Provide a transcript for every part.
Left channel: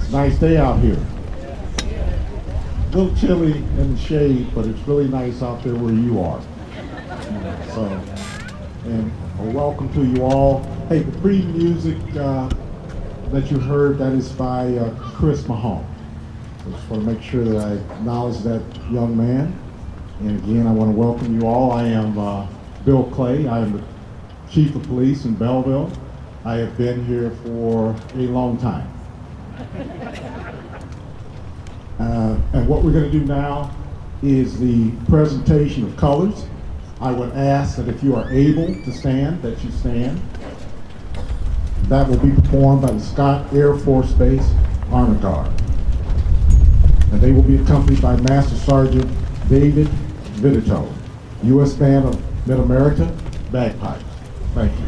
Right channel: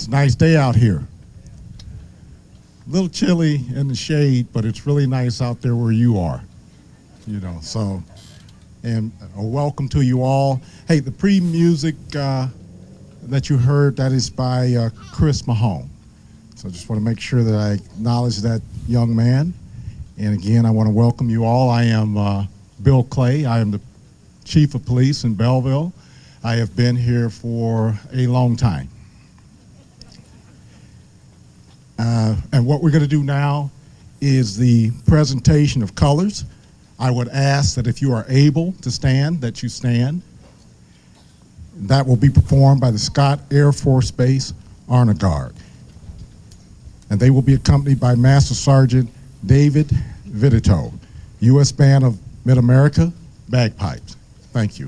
It's a nice day out here. A little chilly in the shade, but it's really nice out there where you are. So, and welcome to you all. Hey, the pre-music that you heard, that is by Chris Mahone. So I just want to make sure that I acknowledge that young man. And again, I want to welcome you all. I am Bill Clay. I am the Chief of Police in Belleville. I have been here for a long time. And what we're going to do now is the presentation of colors. I would ask that if you are able to stand, that you stand. That will be performed by the Scott Air Force Base Honor Guard. And they will be accompanied by Master Sergeant David Vidito, U.S. Band of Mid-America, bagpipes. Thank you.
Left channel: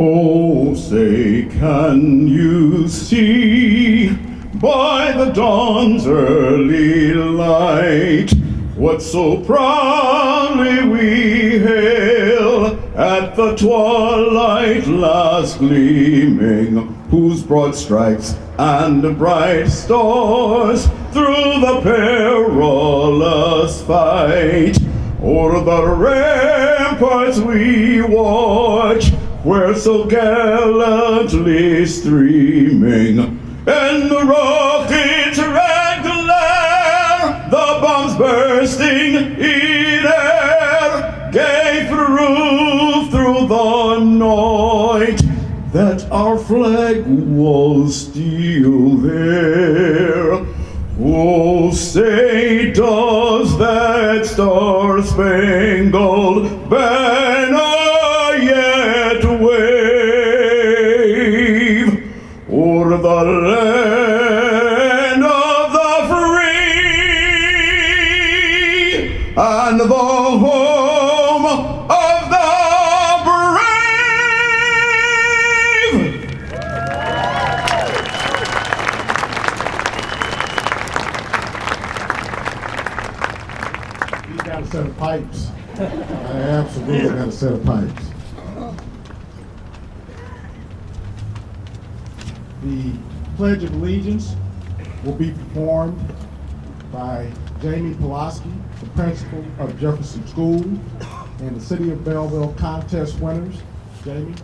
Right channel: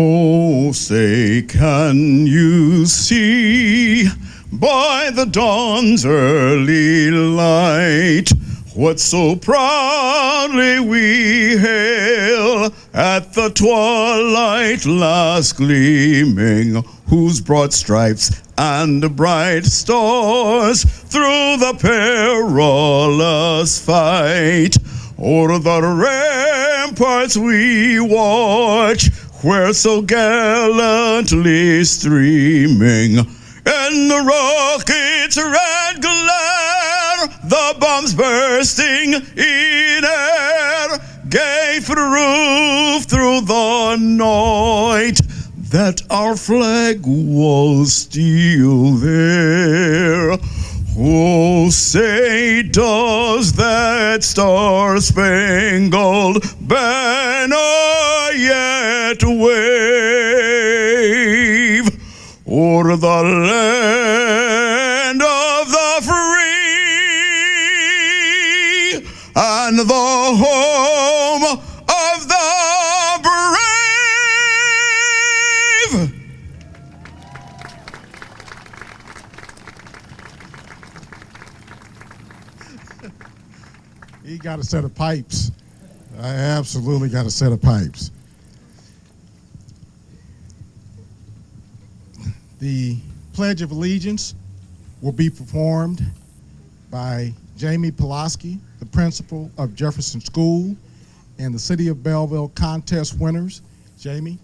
Oh, say, can you see by the dawn's early light what so proudly we hail at the twilight last gleaming, whose broad stripes and bright stars through the perilous fight o'er the ramparts we watch, where so gallantly streaming in the rocket's red glare, the bombs bursting in air gave proof through the night that our flag was still there. Oh, say, does that star-spangled banner yet wave o'er the land of the free and the home of the brave. He got a set of pipes. I absolutely got a set of pipes. The Pledge of Allegiance will be performed by Jamie Pulaski, the principal of Jefferson School, and the City of Belleville contest winners. Jamie.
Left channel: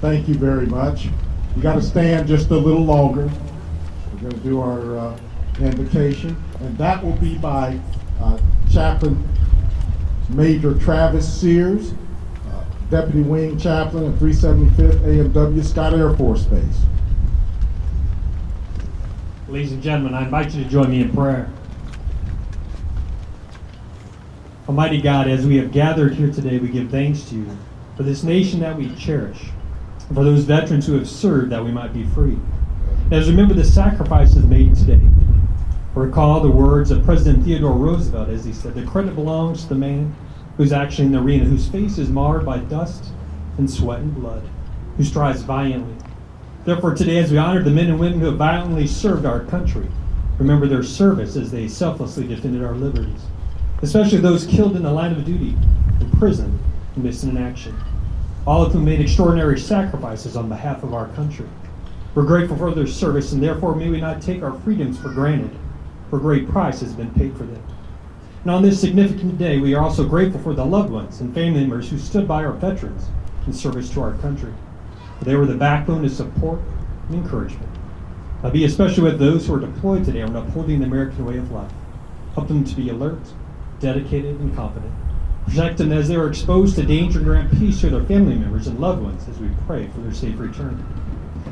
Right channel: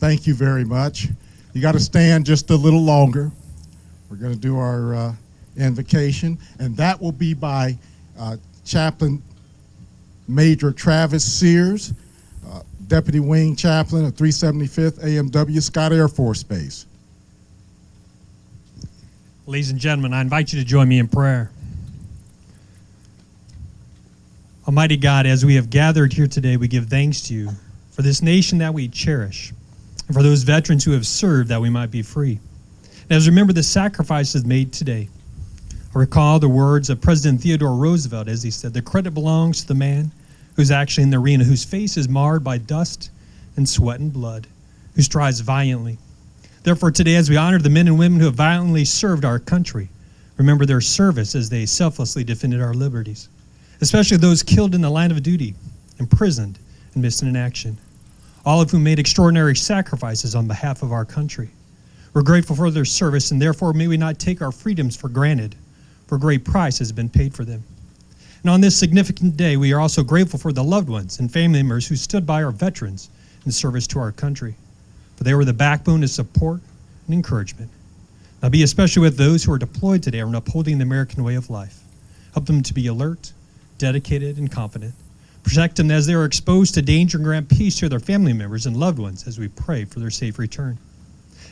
Thank you very much. You got to stand just a little longer. We're going to do our invocation, and that will be by Chaplain Major Travis Sears, Deputy Wing Chaplain at 375th AMW Scott Air Force Base. Ladies and gentlemen, I invite you to join me in prayer. Almighty God, as we have gathered here today, we give thanks to you for this nation that we cherish, and for those veterans who have served that we might be free. And as we remember the sacrifices made today, recall the words of President Theodore Roosevelt as he said, "The credit belongs to the man who's actually in the arena, whose face is marred by dust and sweat and blood, who strives valiantly." Therefore today, as we honor the men and women who have violently served our country, remember their service as they selflessly defended our liberties, especially those killed in the line of duty, imprisoned, and missing in action, all of whom made extraordinary sacrifices on behalf of our country. We're grateful for their service, and therefore may we not take our freedoms for granted, for a great price has been paid for them. And on this significant day, we are also grateful for the loved ones and family members who stood by our veterans in service to our country, for they were the backbone of support and encouragement. Now be especially with those who are deployed today on upholding the American way of life. Help them to be alert, dedicated, and confident. Protect them as they are exposed to danger, and grant peace to their family members and loved ones as we pray for their safe return.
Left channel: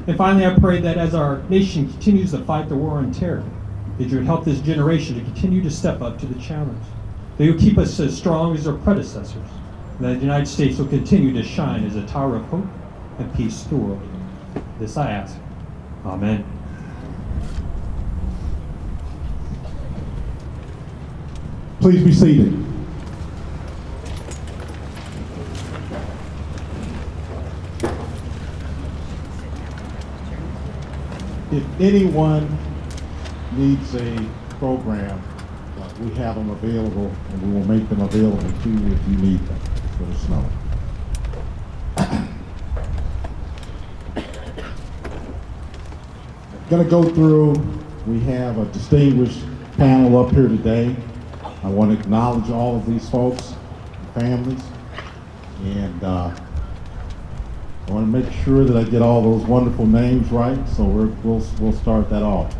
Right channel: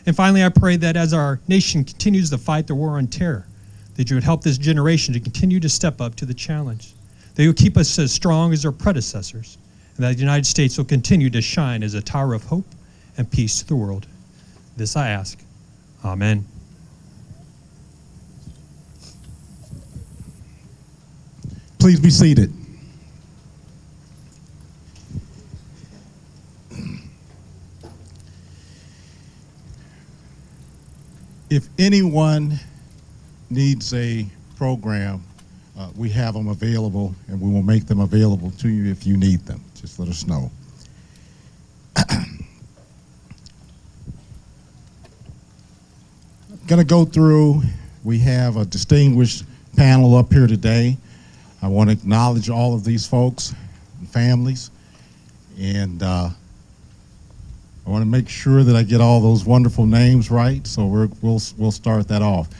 And finally, I pray that as our nation continues to fight the war on terror, that you would help this generation to continue to step up to the challenge. That you would keep us as strong as our predecessors, and that the United States will continue to shine as a tower of hope and peace to the world. This I ask. Amen. Please be seated. If anyone needs a program, we have them available, and we will make them available to you if you need them. Just let us know. Going to go through, we have a distinguished panel up here today. I want to acknowledge all of these folks and families, and I want to make sure that I get all those wonderful names right, so we'll start that off.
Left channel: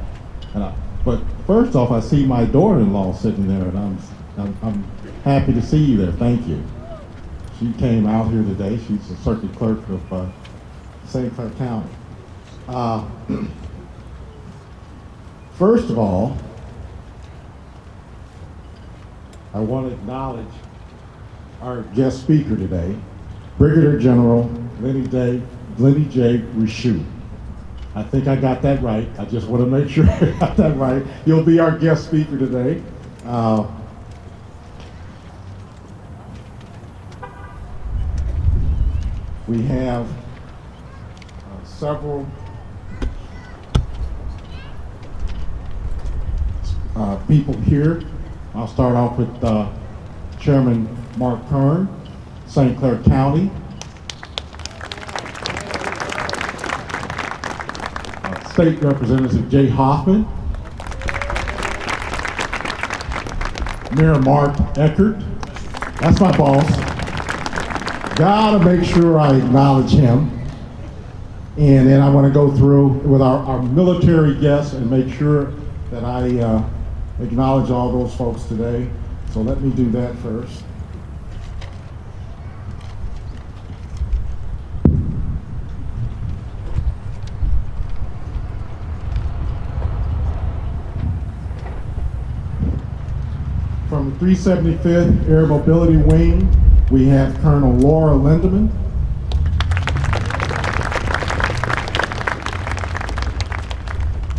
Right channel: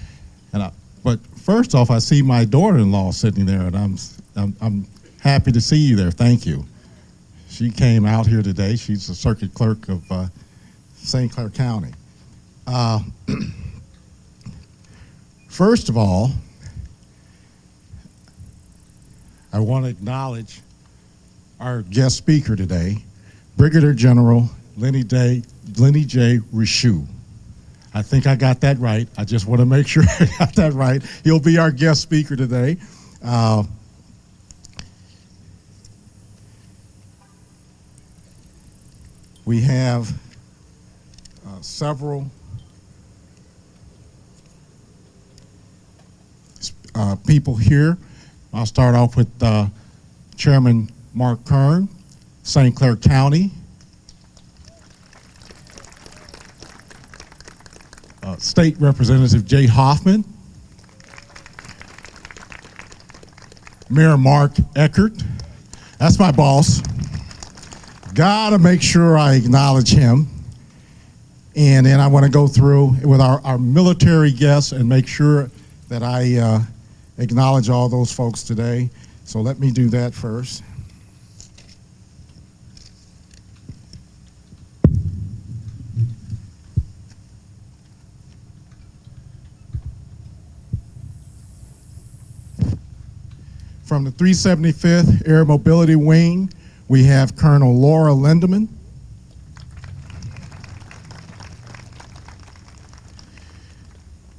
But first off, I see my daughter-in-law sitting there, and I'm happy to see you there. Thank you. She came out here today. She's the circuit clerk of St. Clair County. First of all, I want to acknowledge our guest speaker today, Brigadier General Lenny J. Richoux. I think I got that right. I just want to make sure I got that right. He'll be our guest speaker today. We have several people here. I'll start off with Chairman Mark Kern, St. Clair County. State Representative Jay Hoffman. Mayor Mark Eckert. That's my boss. Gotta make sure I acknowledge him. And then I want to go through with our military guests and make sure that I acknowledge all those folks today. So let me do that first. From the 375th Air Mobility Wing, we have Colonel Laura Lindeman.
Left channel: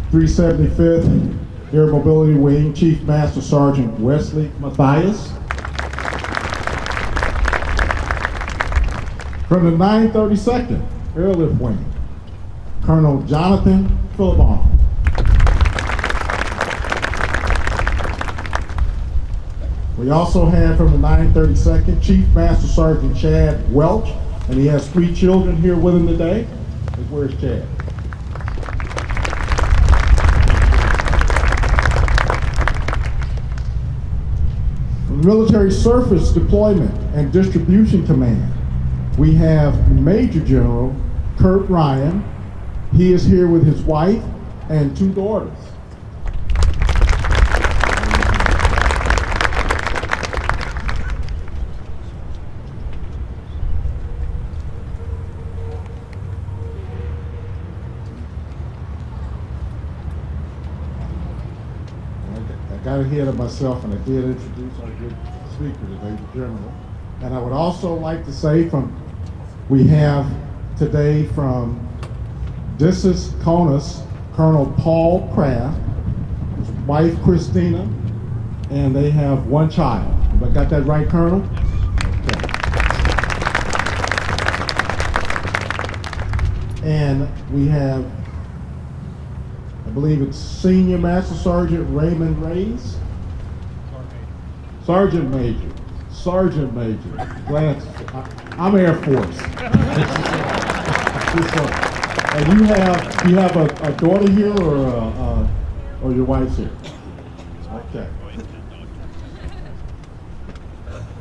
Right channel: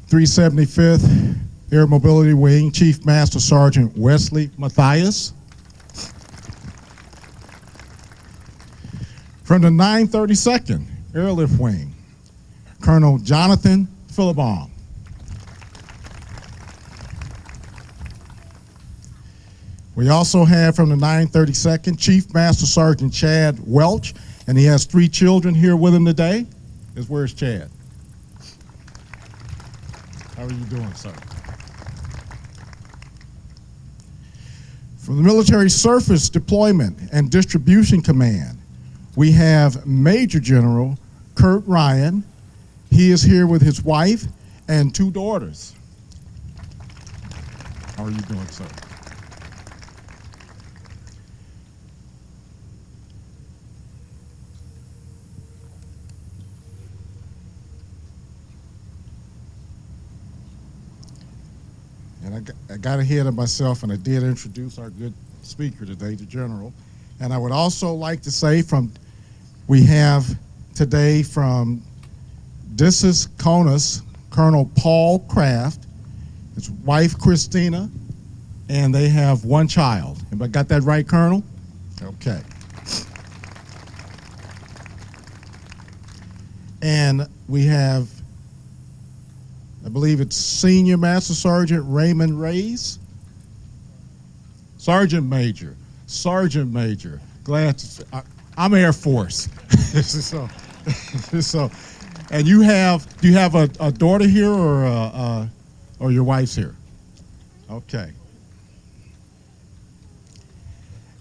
(375th Air Mobility Wing, Chief Master Sergeant Wesley Mathias. From the 932nd Airlift Wing, Colonel Jonathan Philibon. We also have from the 932nd Chief Master Sergeant Chad Welch, and he has 3 children here with him today. Where's Chad? From the Military Surface Deployment and Distribution Command, we have Major General Kurt Ryan. He is here with his wife and 2 daughters. I got ahead of myself, and I did introduce our good speaker today, the General. And I would also like to say we have today from Dissus Conus, Colonel Paul Kraft, his wife Christina, and they have 1 child. I got that right, Colonel? Okay. And we have, I believe it's Senior Master Sergeant Raymond Reyes. Sergeant Major. Sergeant Major. Glad to, I'm Air Force. So, and you have a daughter here, or your wife's here? Okay.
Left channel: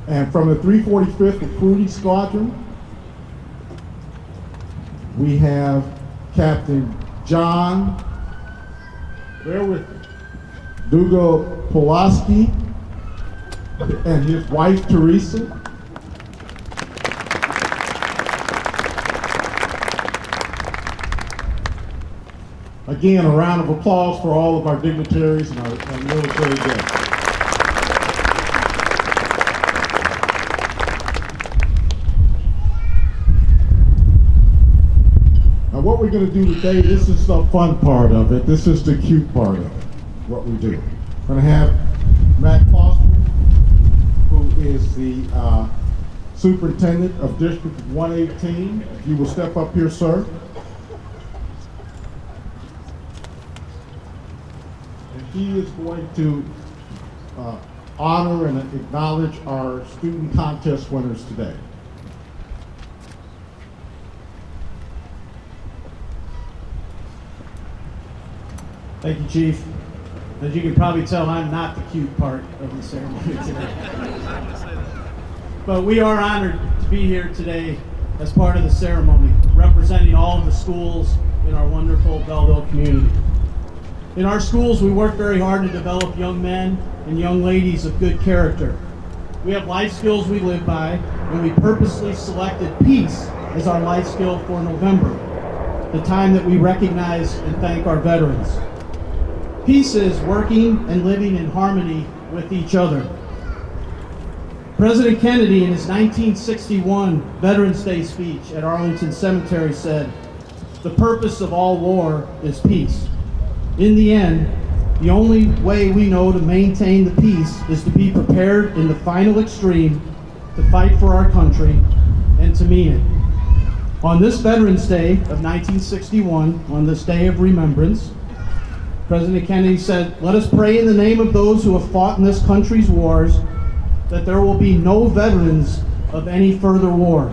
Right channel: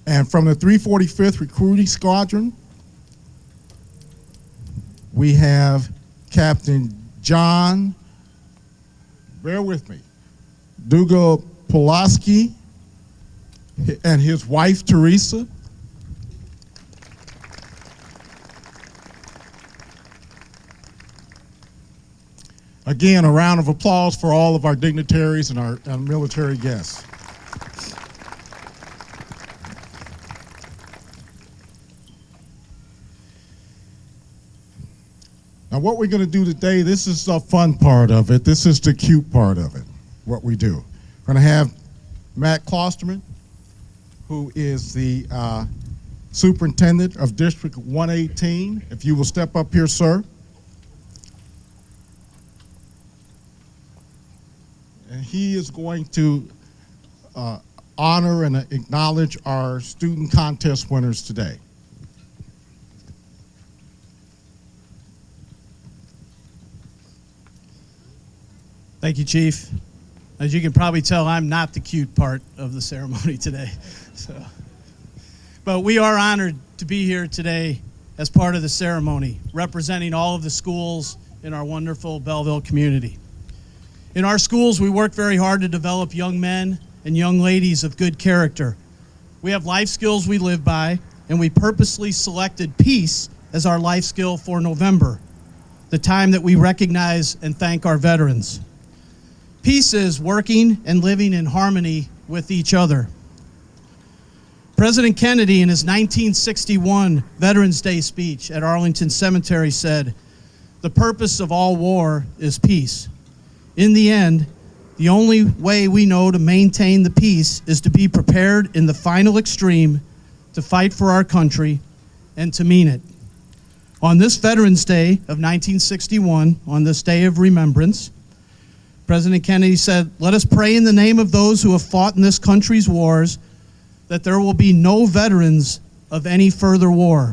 And from the 345th Recruiting Squadron, we have Captain John, bear with me, Dugo Pulaski, and his wife Teresa. Again, a round of applause for all of our dignitaries and our military guests. Now, what we're going to do today, this is the fun part of it. This is the cute part of it, what we do. We're going to have Matt Klosterman, who is the superintendent of District 118. If you will step up here, sir. And he is going to honor and acknowledge our student contest winners today. Thank you, Chief. As you can probably tell, I'm not the cute part of the ceremony today. But we are honored to be here today as part of the ceremony, representing all of the schools in our wonderful Belleville community. In our schools, we work very hard to develop young men and young ladies of good character. We have life skills we live by, and we purposely selected peace as our life skill for November, the time that we recognize and thank our veterans. Peace is working and living in harmony with each other. President Kennedy, in his 1961 Veterans Day speech at Arlington Cemetery, said, "The purpose of all war is peace. In the end, the only way we know to maintain the peace is to be prepared in the final extreme to fight for our country and to mean it." On this Veterans Day of 1961, on this day of remembrance, President Kennedy said, "Let us pray in the name of those who have fought in this country's wars that there will be no veterans of any further war,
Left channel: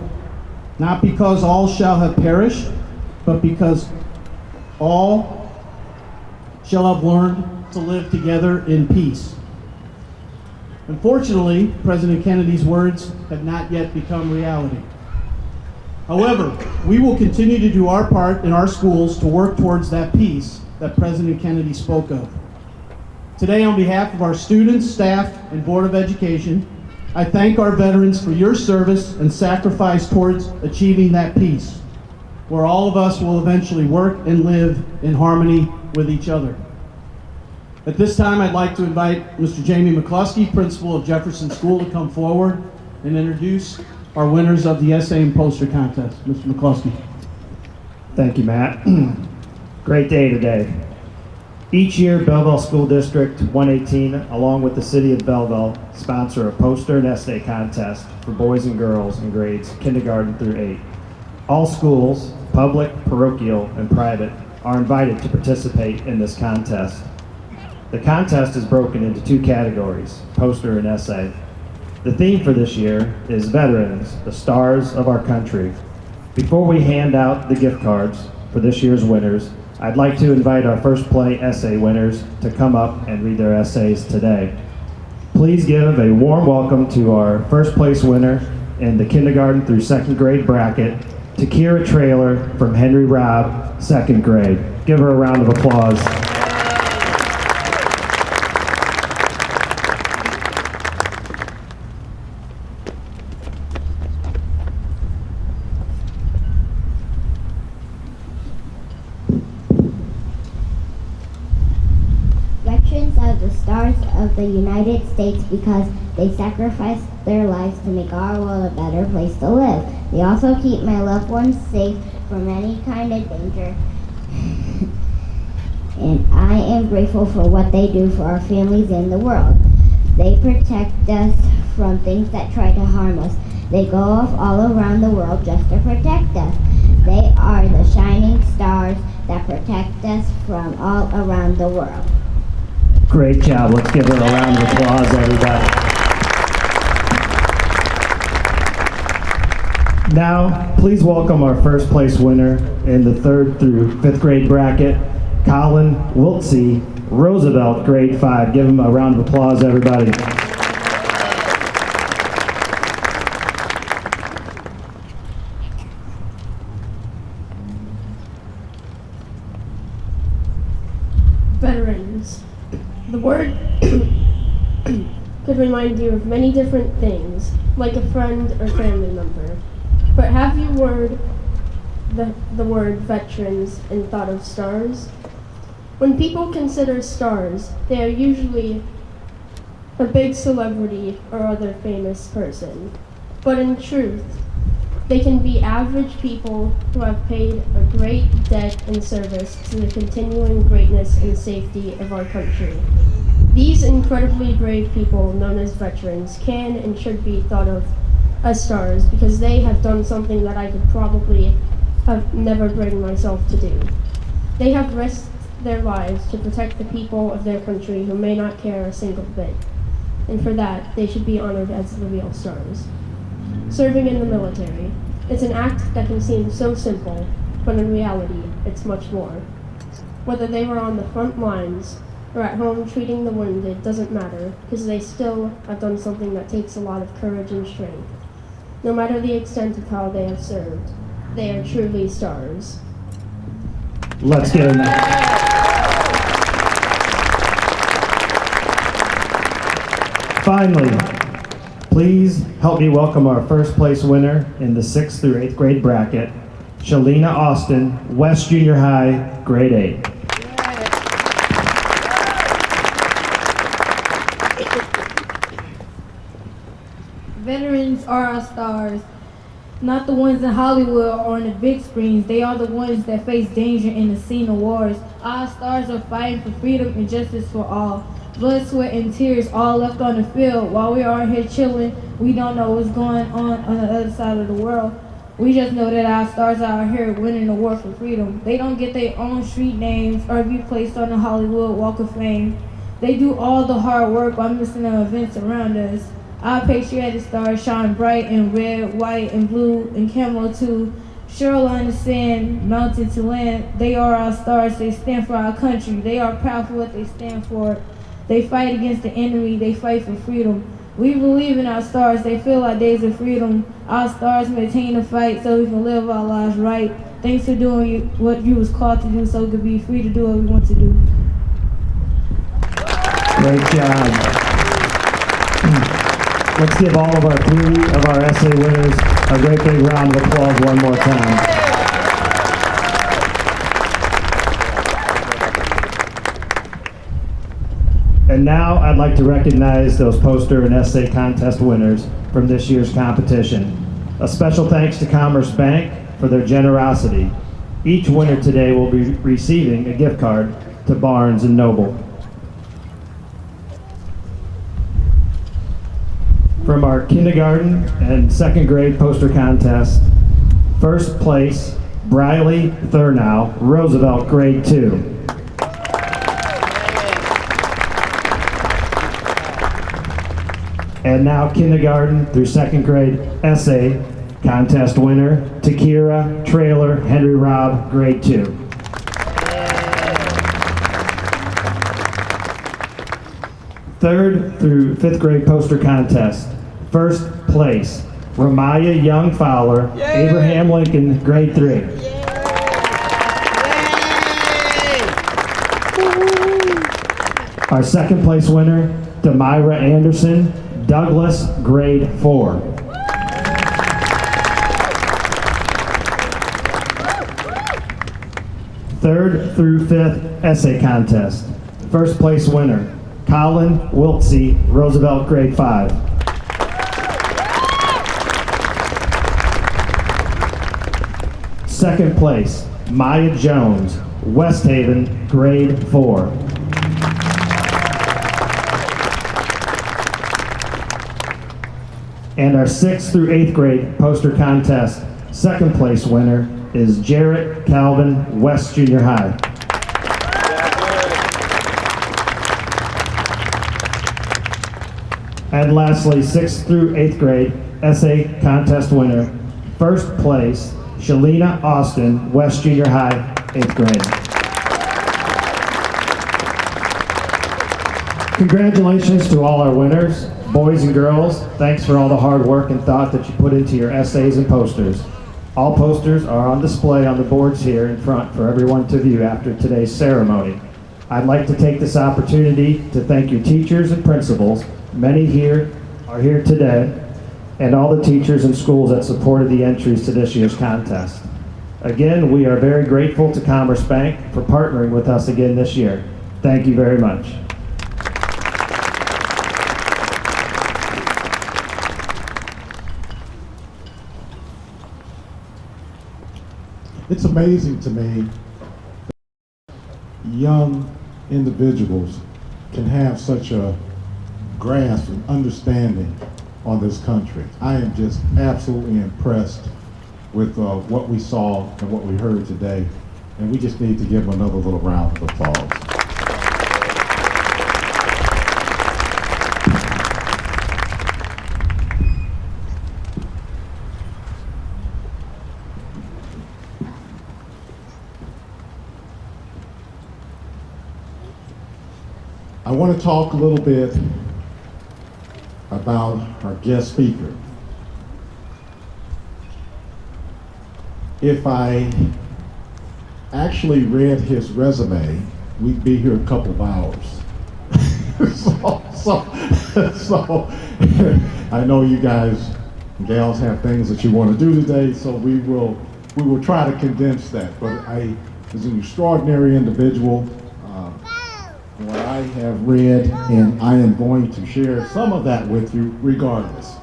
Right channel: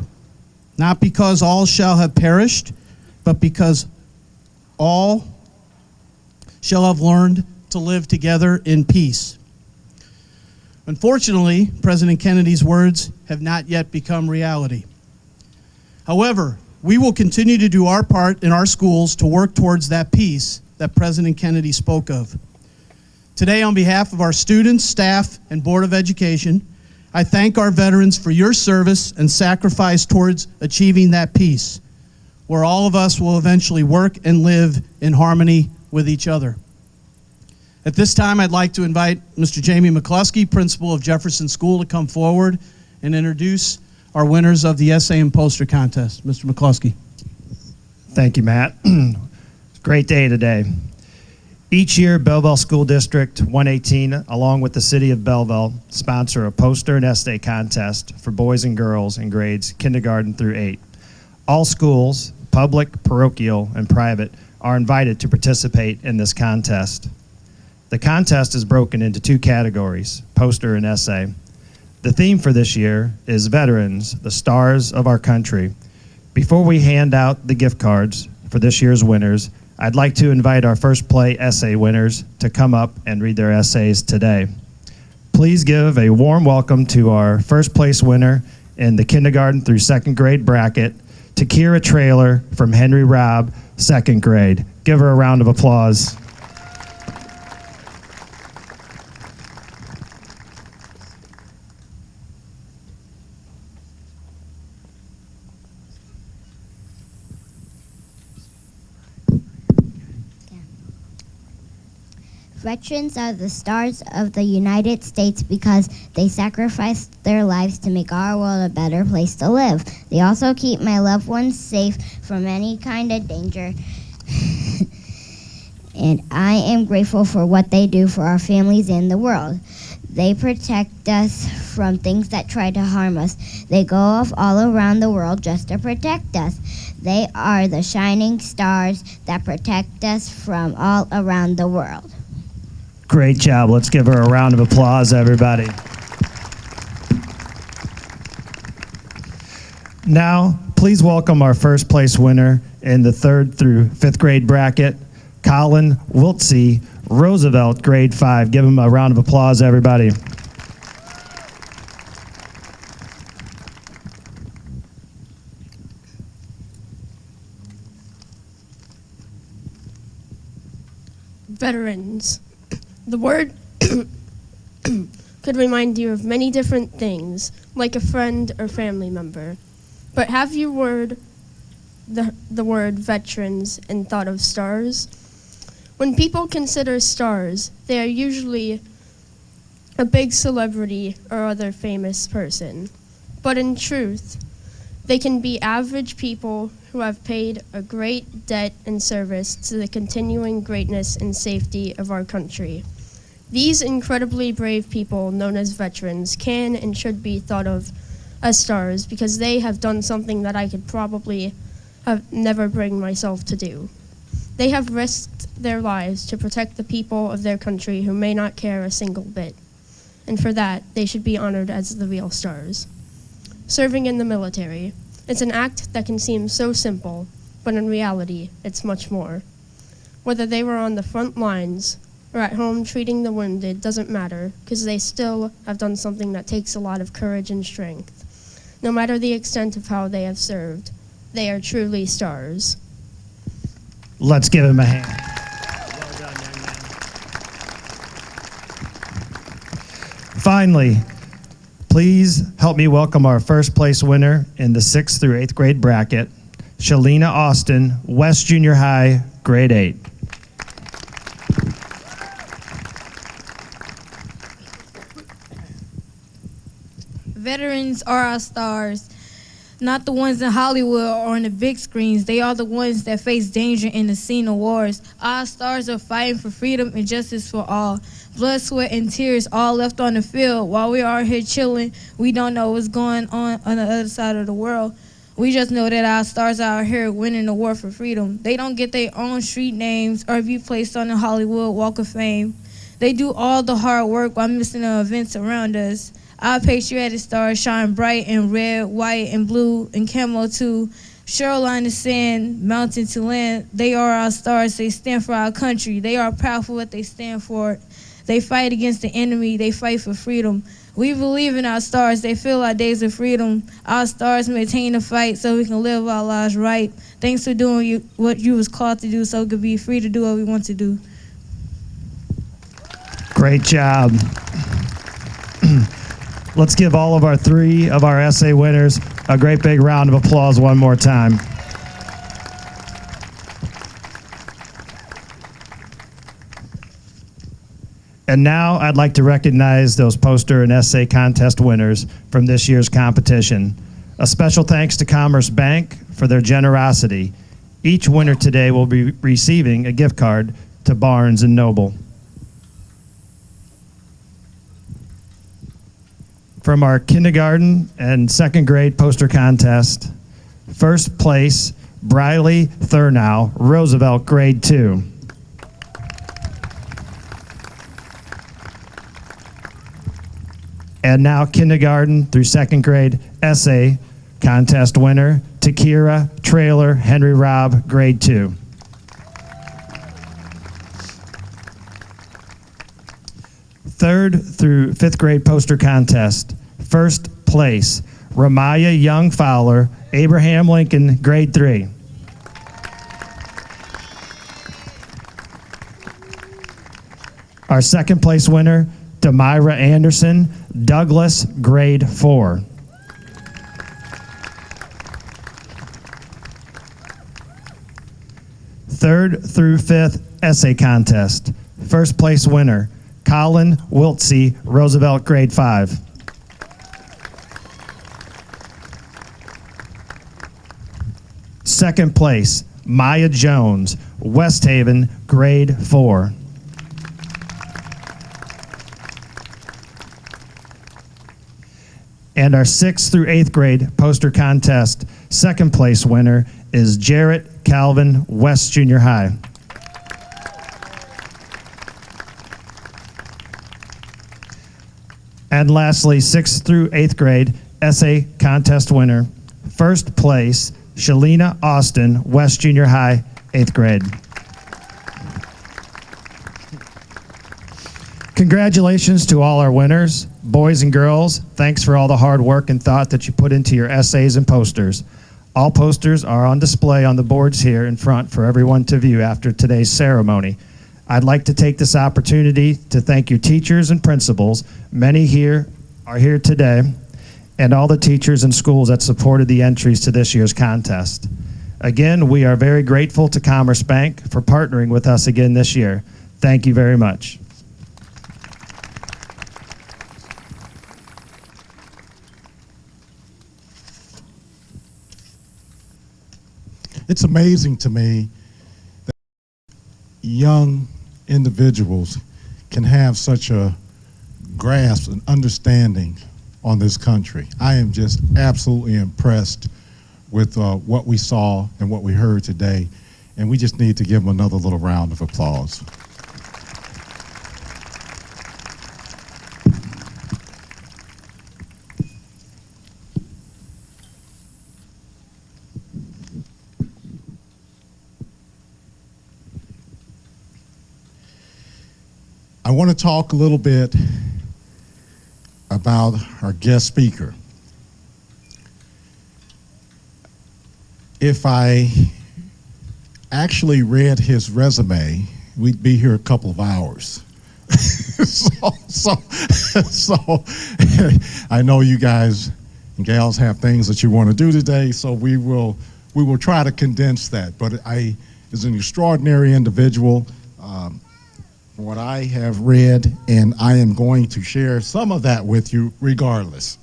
not because all shall have perished, but because all shall have learned to live together in peace." Unfortunately, President Kennedy's words have not yet become reality. However, we will continue to do our part in our schools to work towards that peace that President Kennedy spoke of. Today, on behalf of our students, staff, and Board of Education, I thank our veterans for your service and sacrifice towards achieving that peace, where all of us will eventually work and live in harmony with each other. At this time, I'd like to invite Mr. Jamie McCluskey, principal of Jefferson School, to come forward and introduce our winners of the essay and poster contest. Mr. McCluskey. Thank you, Matt. Great day today. Each year, Belleville School District 118, along with the City of Belleville, sponsor a poster and essay contest for boys and girls in grades kindergarten through 8. All schools, public, parochial, and private, are invited to participate in this contest. The contest is broken into 2 categories, poster and essay. The theme for this year is Veterans, the Stars of Our Country. Before we hand out the gift cards for this year's winners, I'd like to invite our first play essay winners to come up and read their essays today. Please give a warm welcome to our first place winner in the kindergarten through 2nd grade bracket, Takira Trailer from Henry Robb, 2nd grade. Give her a round of applause. Veterans are the stars of the United States because they sacrificed their lives to make our world a better place to live. They also keep my loved ones safe from any kind of danger. And I am grateful for what they do for our families in the world. They protect us from things that try to harm us. They go off all around the world just to protect us. They are the shining stars that protect us from all around the world. Great job. Let's give her a round of applause, everybody. Now, please welcome our first place winner in the 3rd through 5th grade bracket, Colin Wiltsey, Roosevelt, grade 5. Give him a round of applause, everybody. Veterans. The word could remind you of many different things, like a friend or family member. But have you heard the word veterans and thought of stars? When people consider stars, they are usually a big celebrity or other famous person. But in truth, they can be average people who have paid a great debt and service to the continuing greatness and safety of our country. These incredibly brave people, known as veterans, can and should be thought of as stars because they have done something that I could probably have never bring myself to do. They have risked their lives to protect the people of their country who may not care a single bit. And for that, they should be honored as the real stars. Serving in the military. It's an act that can seem so simple, but in reality, it's much more. Whether they were on the front lines or at home treating the wounded doesn't matter, because they still have done something that takes a lot of courage and strength. No matter the extent of how they have served, they are truly stars. Let's give him a Finally, please help me welcome our first place winner in the 6th through 8th grade bracket, Shalina Austin, West Junior High, grade 8. Veterans are our stars, not the ones in Hollywood or on the big screens. They are the ones that face danger in the scene of wars. Our stars are fighting for freedom and justice for all. Blood, sweat, and tears all left on the field. While we are here chilling, we don't know what's going on the other side of the world. We just know that our stars are out here winning the war for freedom. They don't get their own street names or be placed on the Hollywood Walk of Fame. They do all the hard work while missing the events around us. Our patriotic stars shine bright in red, white, and blue, and camo too. Shoreline to sand, mountain to land. They are our stars. They stand for our country. They are proud for what they stand for. They fight against the enemy. They fight for freedom. We believe in our stars. They fill our days of freedom. Our stars maintain the fight so we can live our lives right. Thanks for doing what you was called to do so we can be free to do what we want to do. Great job. Let's give all of our 3 of our essay winners a great big round of applause one more time. And now I'd like to recognize those poster and essay contest winners from this year's competition. A special thanks to Commerce Bank for their generosity. Each winner today will be receiving a gift card to Barnes & Noble. From our kindergarten and second grade poster contest, first place, Briley Thurnow, Roosevelt, grade 2. And now kindergarten through second grade essay contest winner, Takira Trailer Henry Robb, grade 2. Third through fifth grade poster contest, first place, Ramaya Young Fowler, Abraham Lincoln, grade 3. Our second place winner, Demira Anderson, Douglas, grade 4. Third through fifth essay contest. First place winner, Colin Wiltsey, Roosevelt, grade 5. Second place, Maya Jones, West Haven, grade 4. And our 6th through 8th grade poster contest second place winner is Jarrett Calvin, West Junior High. And lastly, 6th through 8th grade essay contest winner, first place, Shalina Austin, West Junior High, 8th grade. Congratulations to all our winners. Boys and girls, thanks for all the hard work and thought that you put into your essays and posters. All posters are on display on the boards here in front for everyone to view after today's ceremony. I'd like to take this opportunity to thank you teachers and principals. Many here are here today, and all the teachers and schools that supported the entries to this year's contest. Again, we are very grateful to Commerce Bank for partnering with us again this year. Thank you very much. It's amazing to me that young individuals can have such a grasp and understanding on this country. I am just absolutely impressed with what we saw and what we heard today, and we just need to give them another little round of applause. I want to talk a little bit about our guest speaker. If I actually read his resume, we'd be here a couple of hours. so I know you guys and gals have things that you want to do today, so we will try to condense that. But I is an extraordinary individual. What I have read, and I am going to share some of that with you regardless.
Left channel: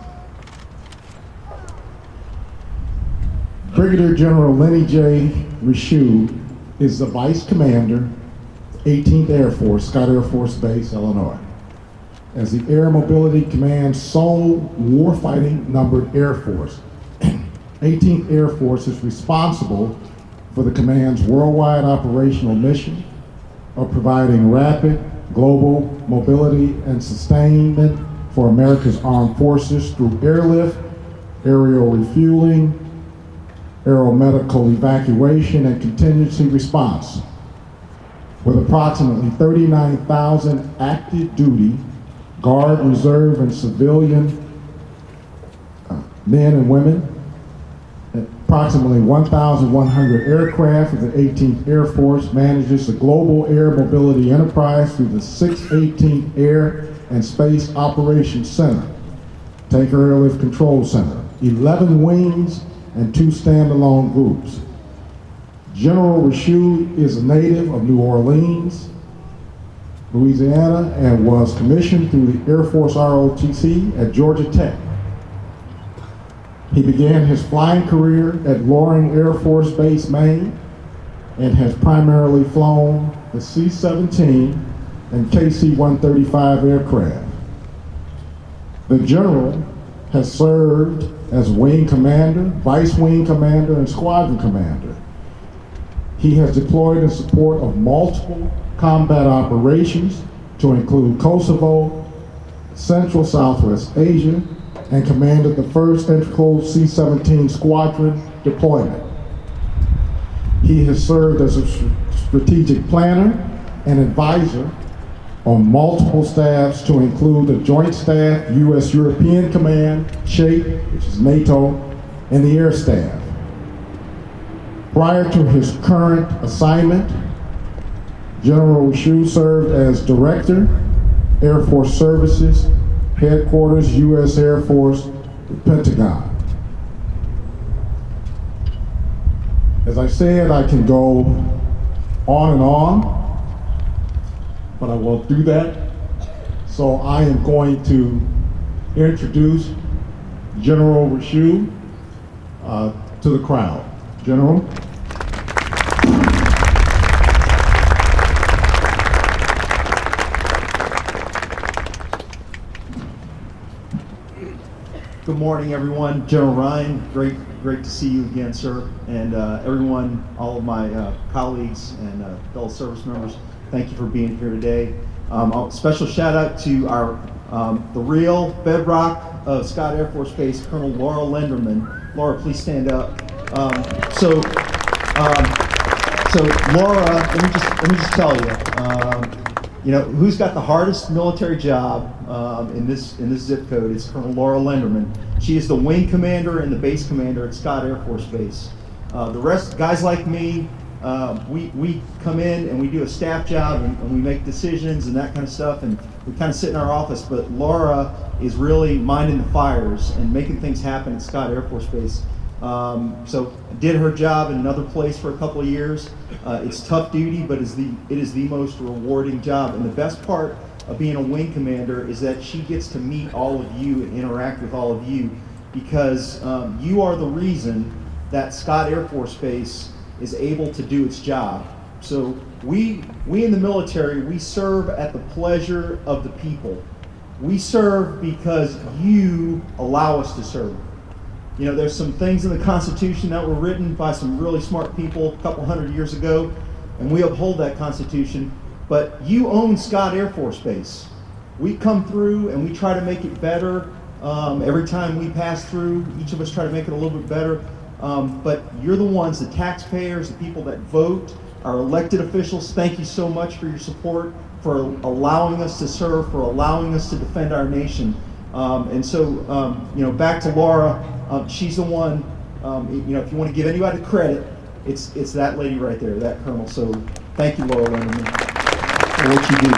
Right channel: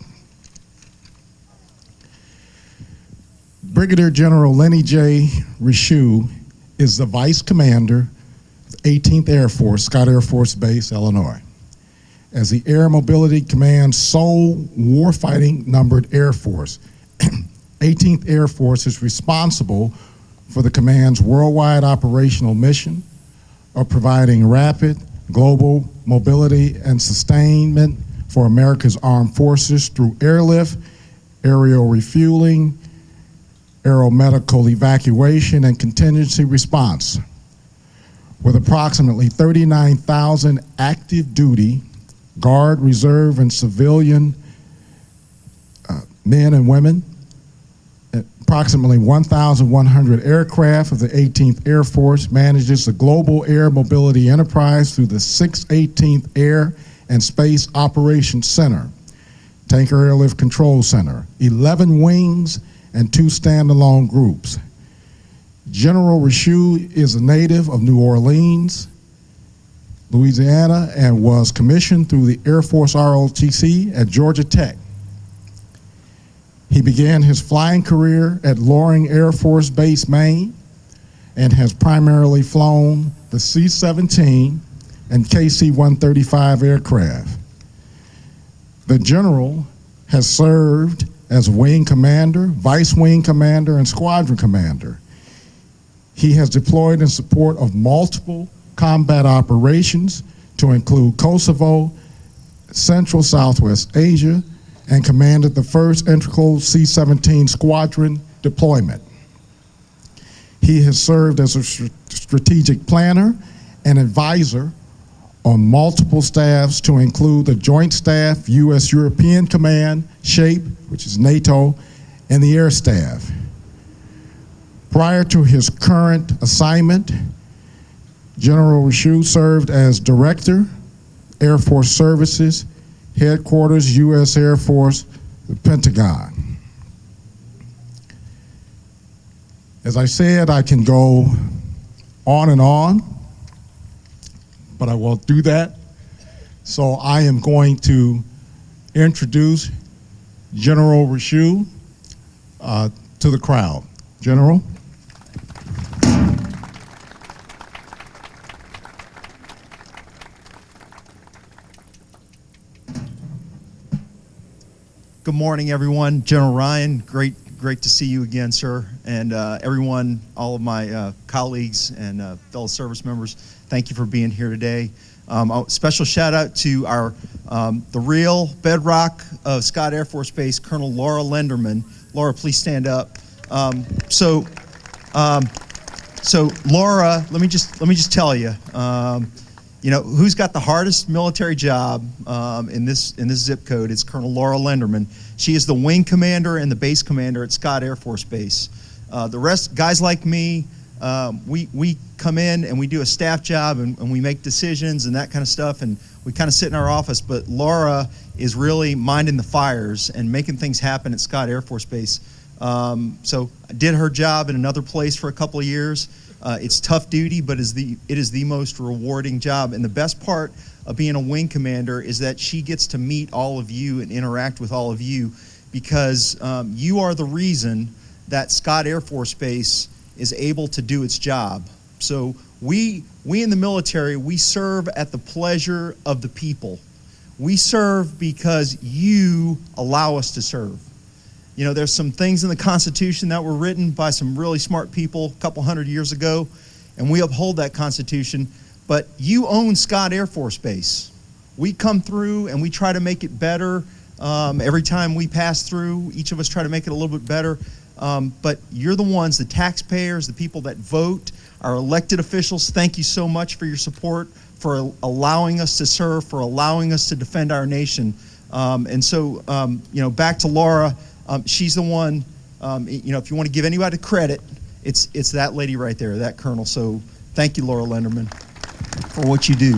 Brigadier General Lenny J. Rishu is the Vice Commander, 18th Air Force, Scott Air Force Base, Illinois. As the Air Mobility Command's sole warfighting numbered Air Force, 18th Air Force is responsible for the command's worldwide operational mission of providing rapid global mobility and sustainment for America's armed forces through airlift, aerial refueling, aeromedical evacuation, and contingency response. With approximately 39,000 active duty, Guard, Reserve, and civilian men and women, approximately 1,100 aircraft of the 18th Air Force manages the global air mobility enterprise through the 618th Air and Space Operations Center, Tanker Airlift Control Center, 11 wings, and 2 standalone groups. General Rishu is a native of New Orleans, Louisiana, and was commissioned through the Air Force ROTC at Georgia Tech. He began his flying career at Loring Air Force Base, Maine, and has primarily flown the C-17 and KC-135 aircraft. The general has served as wing commander, vice wing commander, and squadron commander. He has deployed in support of multiple combat operations to include Kosovo, Central Southwest Asia, and commanded the first integral C-17 squadron deployment. He has served as a strategic planner and advisor on multiple staffs to include the Joint Staff, U.S. European Command, SHAPE, which is NATO, and the Air Staff. Prior to his current assignment, General Rashew served as Director, Air Force Services, Headquarters, U.S. Air Force, the Pentagon. As I said, I can go on and on, but I won't do that. So I am going to introduce General Rashew to the crowd. General. Good morning, everyone. General Ryan, great to see you again, sir. And everyone, all of my colleagues and fellow service members, thank you for being here today. A special shout out to our the real bedrock of Scott Air Force Base, Colonel Laura Lenderman. Laura, please stand up. So Laura, let me just tell you, who's got the hardest military job in this zip code? It's Colonel Laura Lenderman. She is the wing commander and the base commander at Scott Air Force Base. The rest, guys like me, we come in and we do a staff job and we make decisions and that kind of stuff, and we kind of sit in our office. But Laura is really minding the fires and making things happen at Scott Air Force Base. So I did her job in another place for a couple of years. It's tough duty, but it is the most rewarding job. And the best part of being a wing commander is that she gets to meet all of you and interact with all of you, because you are the reason that Scott Air Force Base is able to do its job. So we in the military, we serve at the pleasure of the people. We serve because you allow us to serve. You know, there's some things in the Constitution that were written by some really smart people a couple hundred years ago, and we uphold that Constitution, but you own Scott Air Force Base. We come through and we try to make it better. Every time we pass through, each of us try to make it a little bit better, but you're the ones, the taxpayers, the people that vote, our elected officials, thank you so much for your support, for allowing us to serve, for allowing us to defend our nation. And so, back to Laura, she's the one, if you want to give anybody credit, it's that lady right there, that colonel. So thank you, Laura Lenderman, for what you do.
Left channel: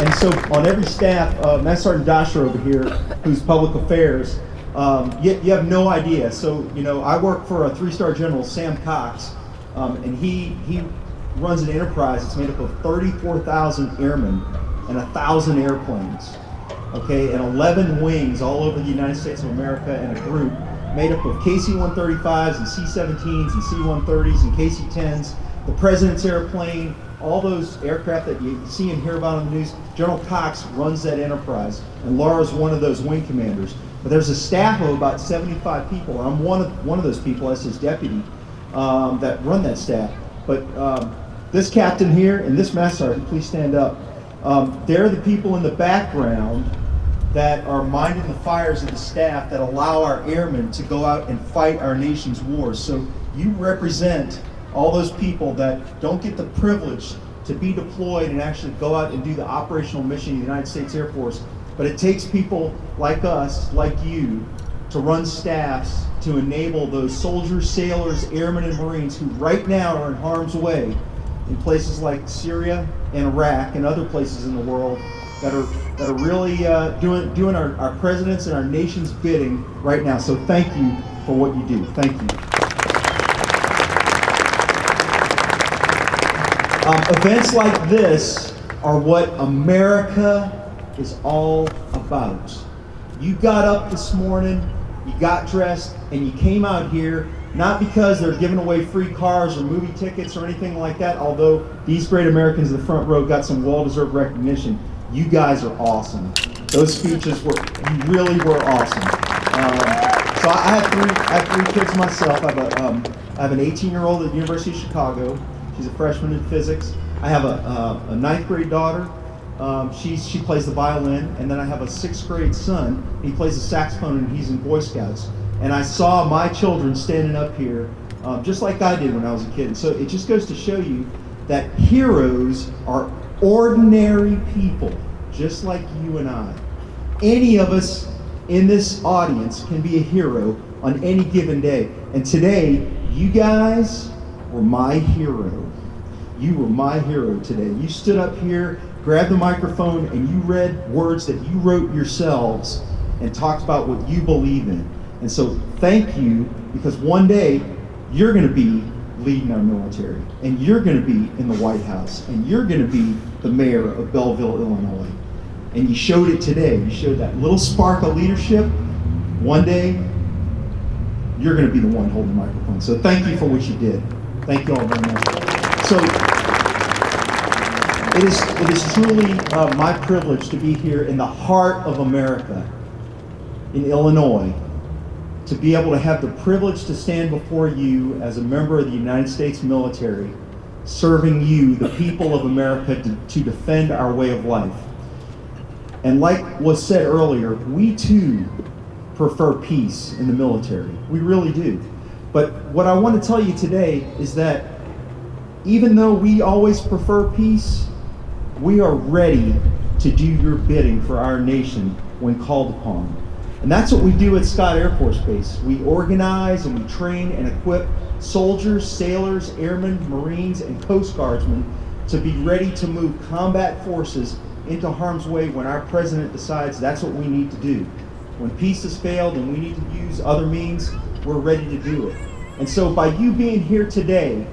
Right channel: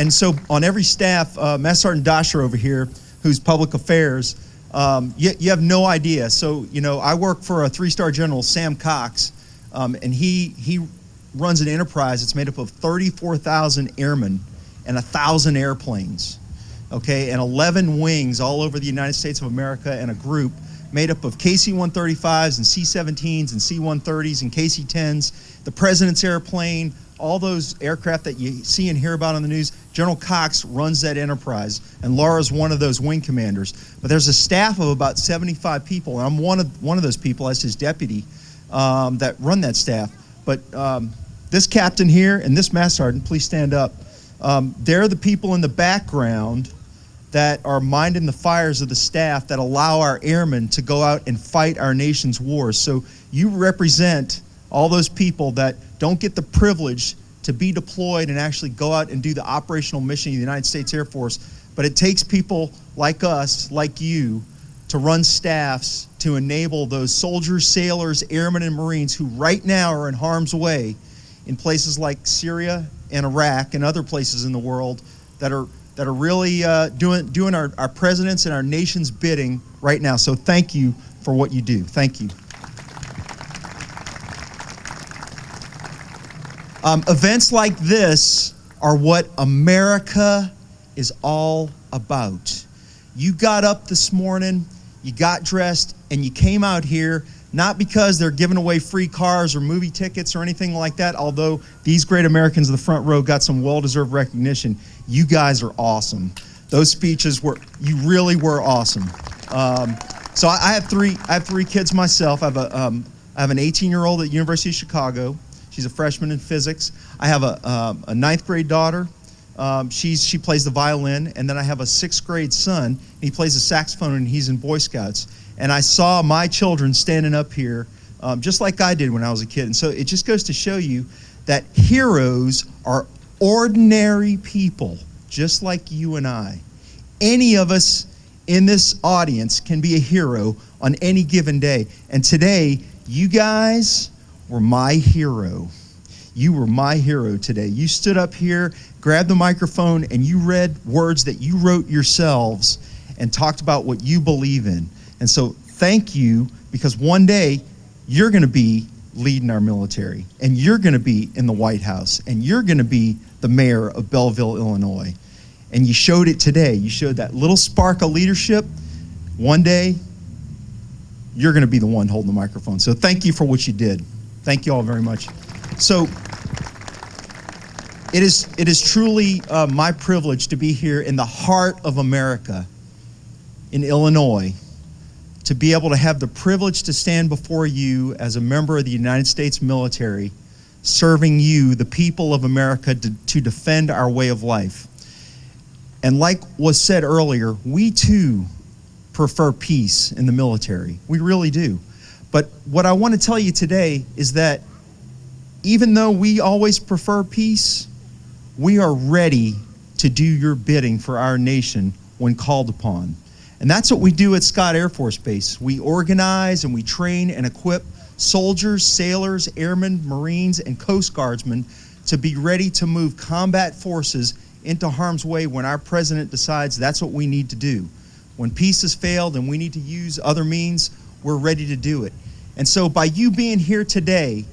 And so on every staff, Master Sergeant Dasher over here, who's public affairs, you have no idea. So, I work for a 3-star general, Sam Cox, and he runs an enterprise that's made up of 34,000 airmen and 1,000 airplanes. Okay, and 11 wings all over the United States of America, and a group made up of KC-135s and C-17s and C-130s and KC-10s, the President's airplane, all those aircraft that you see and hear about on the news. General Cox runs that enterprise, and Laura's one of those wing commanders. But there's a staff of about 75 people, and I'm one of those people as his deputy that run that staff. But this captain here and this master sergeant, please stand up. They're the people in the background that are minding the fires of the staff that allow our airmen to go out and fight our nation's wars. So you represent all those people that don't get the privilege to be deployed and actually go out and do the operational mission of the United States Air Force. But it takes people like us, like you, to run staffs to enable those soldiers, sailors, airmen, and Marines who right now are in harm's way in places like Syria and Iraq and other places in the world that are really doing our president's and our nation's bidding right now. So thank you for what you do. Thank you. Events like this are what America is all about. You got up this morning, you got dressed, and you came out here not because they're giving away free cars or movie tickets or anything like that, although these great Americans in the front row got some well-deserved recognition. You guys are awesome. Those speeches you really were awesome. So I have three kids myself. I have an 18-year-old at University of Chicago. She's a freshman in physics. I have a ninth grade daughter. She plays the violin, and then I have a 6th grade son. He plays the saxophone, and he's in Boy Scouts. And I saw my children standing up here, just like I did when I was a kid. And so it just goes to show you that heroes are ordinary people, just like you and I. Any of us in this audience can be a hero on any given day. And today, you guys were my hero. You were my hero today. You stood up here, grabbed the microphone, and you read words that you wrote yourselves and talked about what you believe in. And so thank you, because one day you're going to be leading our military, and you're going to be in the White House, and you're going to be the mayor of Belleville, Illinois. And you showed it today. You showed that little spark of leadership. One day, you're going to be the one holding the microphone. So thank you for what you did. Thank you all very much. So it is truly my privilege to be here in the heart of America, in Illinois, to be able to have the privilege to stand before you as a member of the United States military, serving you, the people of America, to defend our way of life. And like was said earlier, we too prefer peace in the military. We really do. But what I want to tell you today is that even though we always prefer peace, we are ready to do your bidding for our nation when called upon. And that's what we do at Scott Air Force Base. We organize and we train and equip soldiers, sailors, airmen, Marines, and Coast Guardsmen to be ready to move combat forces into harm's way when our president decides that's what we need to do. When peace has failed and we need to use other means, we're ready to do it. And so by you being here today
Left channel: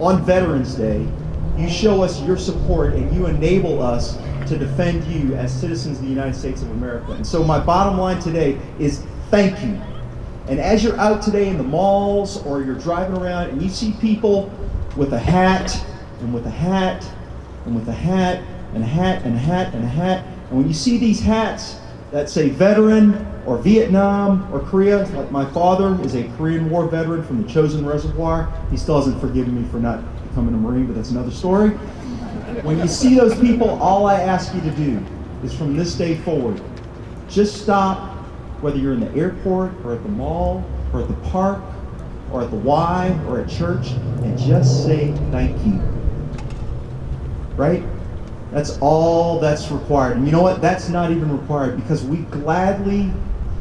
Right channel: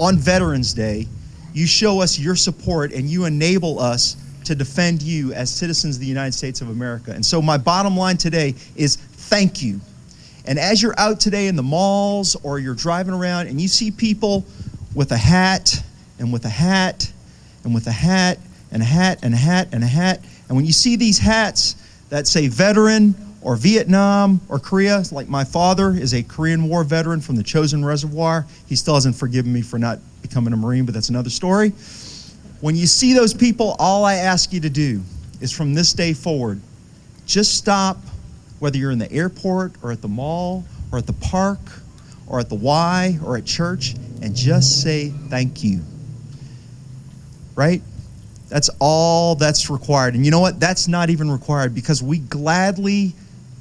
on Veterans Day, you show us your support and you enable us to defend you as citizens of the United States of America. And so my bottom line today is thank you. And as you're out today in the malls or you're driving around and you see people with a hat and with a hat and with a hat and a hat and a hat and a hat, and when you see these hats that say veteran or Vietnam or Korea, like my father is a Korean War veteran from the Chosin Reservoir. He still hasn't forgiven me for not becoming a Marine, but that's another story. When you see those people, all I ask you to do is from this day forward, just stop, whether you're in the airport or at the mall or at the park or at the Y or at church, and just say thank you. Right? That's all that's required. And you know what? That's not even required, because we gladly,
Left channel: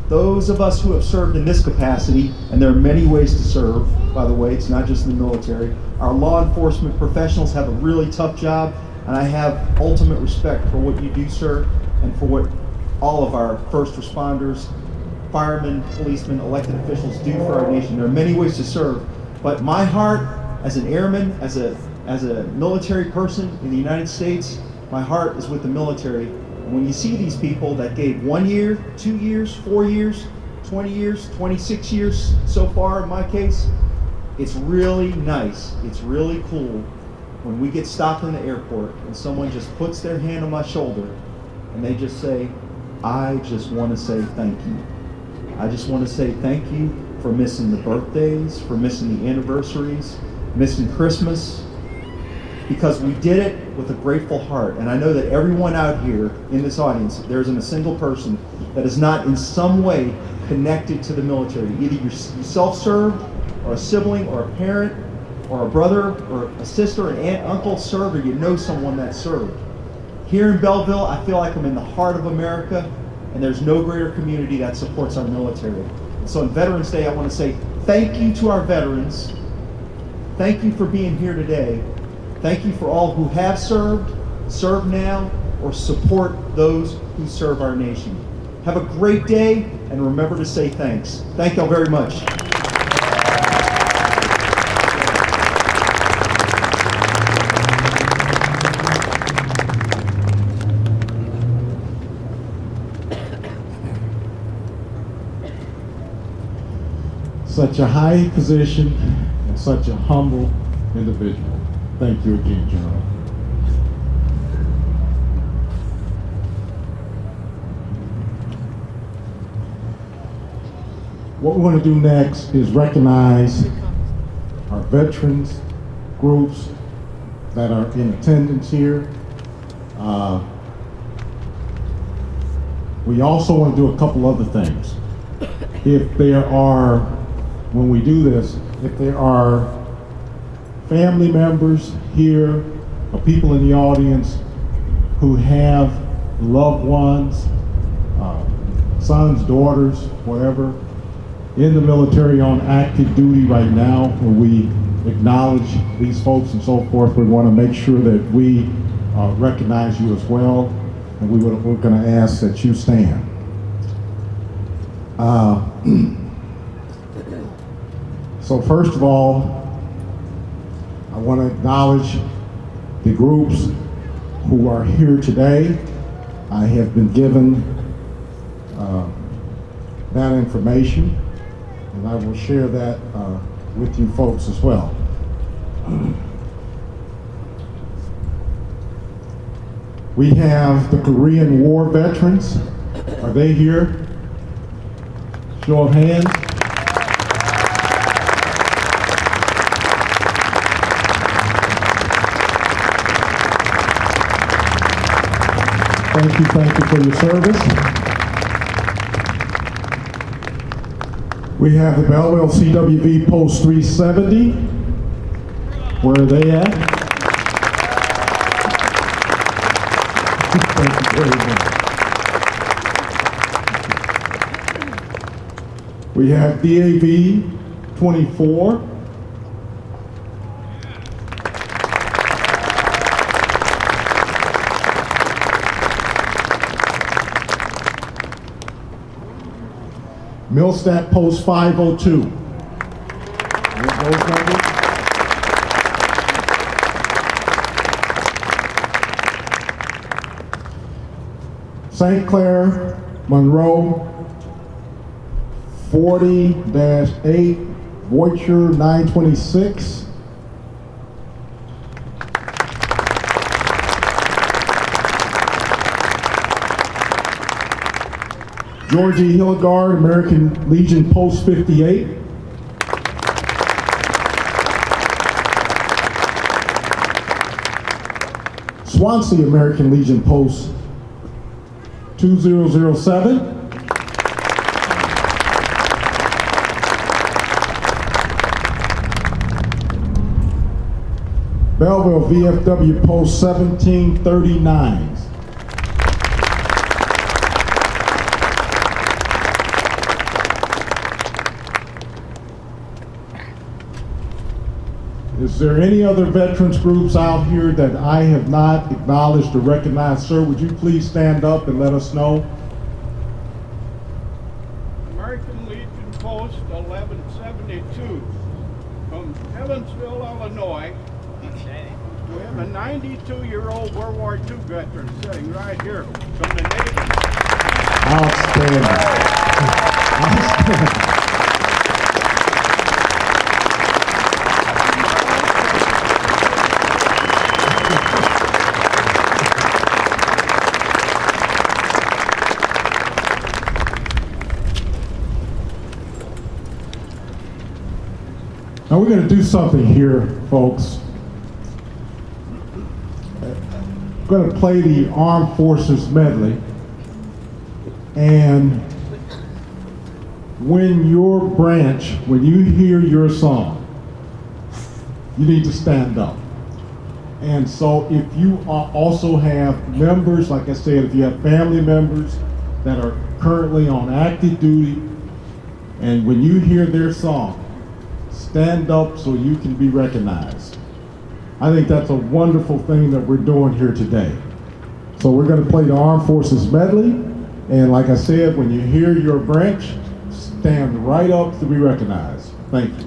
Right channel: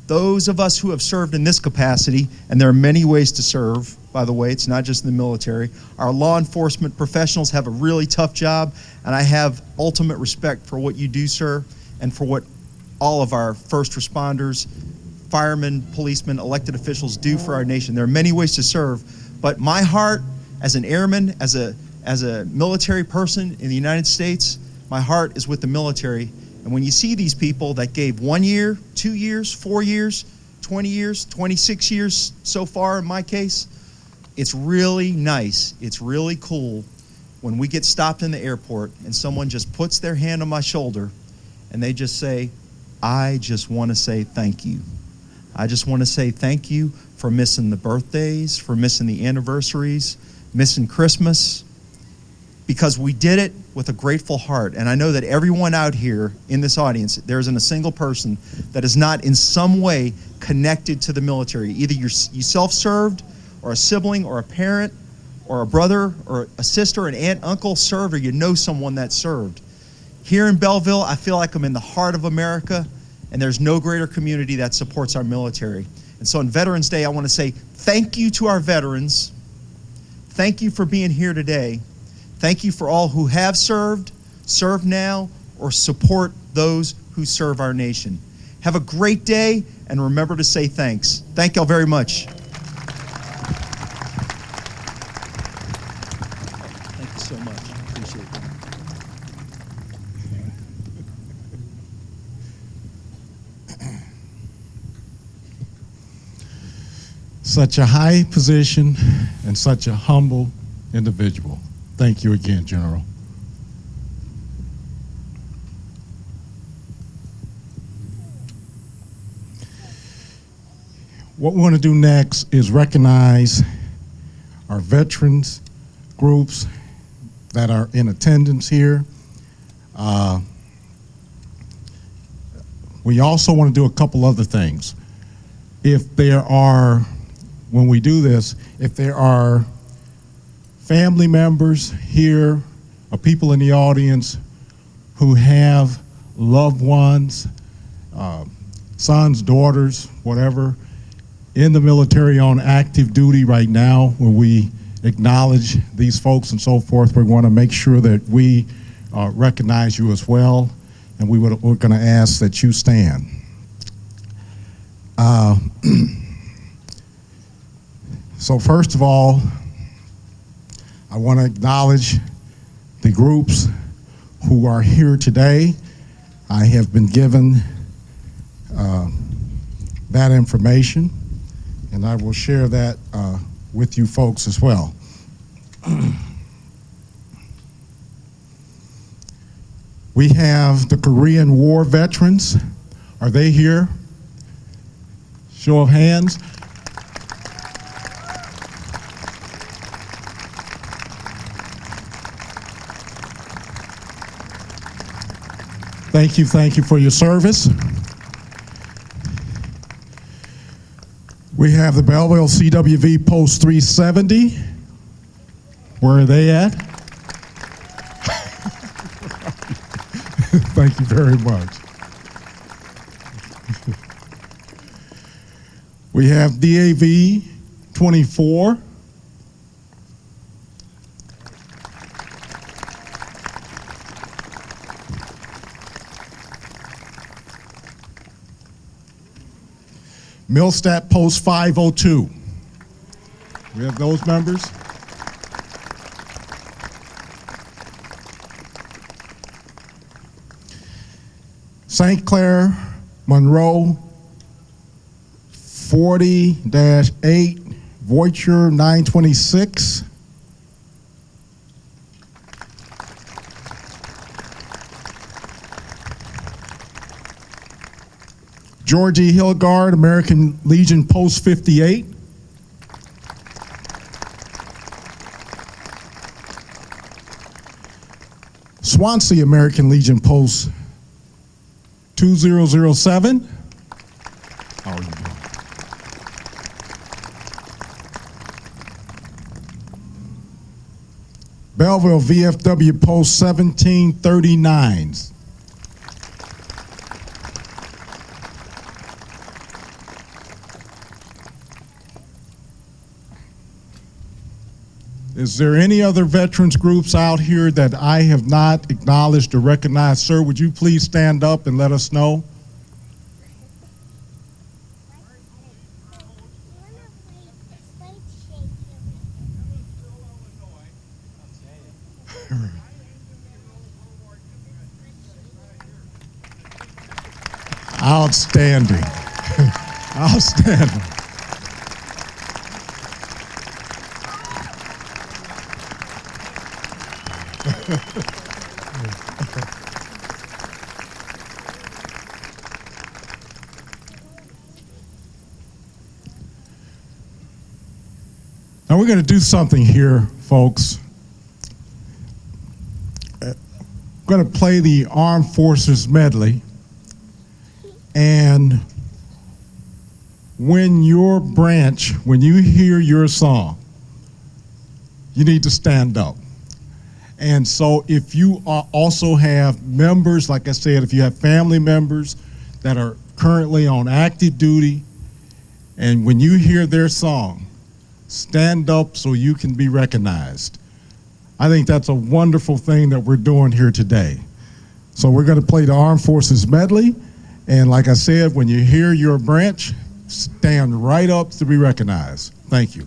those of us who have served in this capacity, and there are many ways to serve, by the way, it's not just in the military. Our law enforcement professionals have a really tough job, and I have ultimate respect for what you do, sir, and for what all of our first responders, firemen, policemen, elected officials do for our nation. There are many ways to serve, but my heart as an airman, as a military person in the United States, my heart is with the military. And when you see these people that gave 1 year, 2 years, 4 years, 20 years, 26 years so far in my case, it's really nice, it's really cool when we get stopped in the airport and someone just puts their hand on my shoulder and they just say, I just want to say thank you. I just want to say thank you for missing the birthdays, for missing the anniversaries, missing Christmas, because we did it with a grateful heart. And I know that everyone out here in this audience, there isn't a single person that is not in some way connected to the military. Either you self-served, or a sibling, or a parent, or a brother, or a sister, an aunt, uncle served, or you know someone that served. Here in Belleville, I feel like I'm in the heart of America, and there's no greater community that supports our military. And so on Veterans Day, I want to say thank you to our veterans. Thank you for being here today. Thank you for all who have served, serve now, or support those who serve our nation. Have a great day, and remember to say thanks. Thank y'all very much. such a high position and such a humble individual. Thank you again, General. What we want to do next is recognize our veterans groups that are in attendance here. We also want to do a couple other things. If there are, when we do this, if there are family members here or people in the audience who have loved ones, sons, daughters, whatever, in the military on active duty right now, when we acknowledge these folks and so forth, we want to make sure that we recognize you as well, and we're going to ask that you stand. So first of all, I want to acknowledge the groups who are here today. I have been given that information, and I will share that with you folks as well. We have the Korean War veterans. Are they here? Show of hands. Thank you for your service. We have the Belleville CWV Post 370. Where are they at? Thank you very much. We have DAV 24. Millstat Post 502. We have those numbers. St. Clair, Monroe, 40-8, Voiture 926. Georgie Hillgard, American Legion Post 58. Swansea, American Legion Post 2007. Belleville VFW Post 1739. Is there any other veterans groups out here that I have not acknowledged or recognized? Sir, would you please stand up and let us know? American Legion Post 1172 from Evansville, Illinois. We have a 92-year-old World War II veteran sitting right here from the Navy. Outstanding. Outstanding. Now we're going to do something here, folks. We're going to play the Armed Forces medley, and when your branch, when you hear your song, you need to stand up. And so if you also have members, like I said, if you have family members that are currently on active duty, and when you hear their song, stand up so you can be recognized. I think that's a wonderful thing that we're doing here today. So we're going to play the Armed Forces medley, and like I said, when you hear your branch, stand right up to be recognized. Thank you.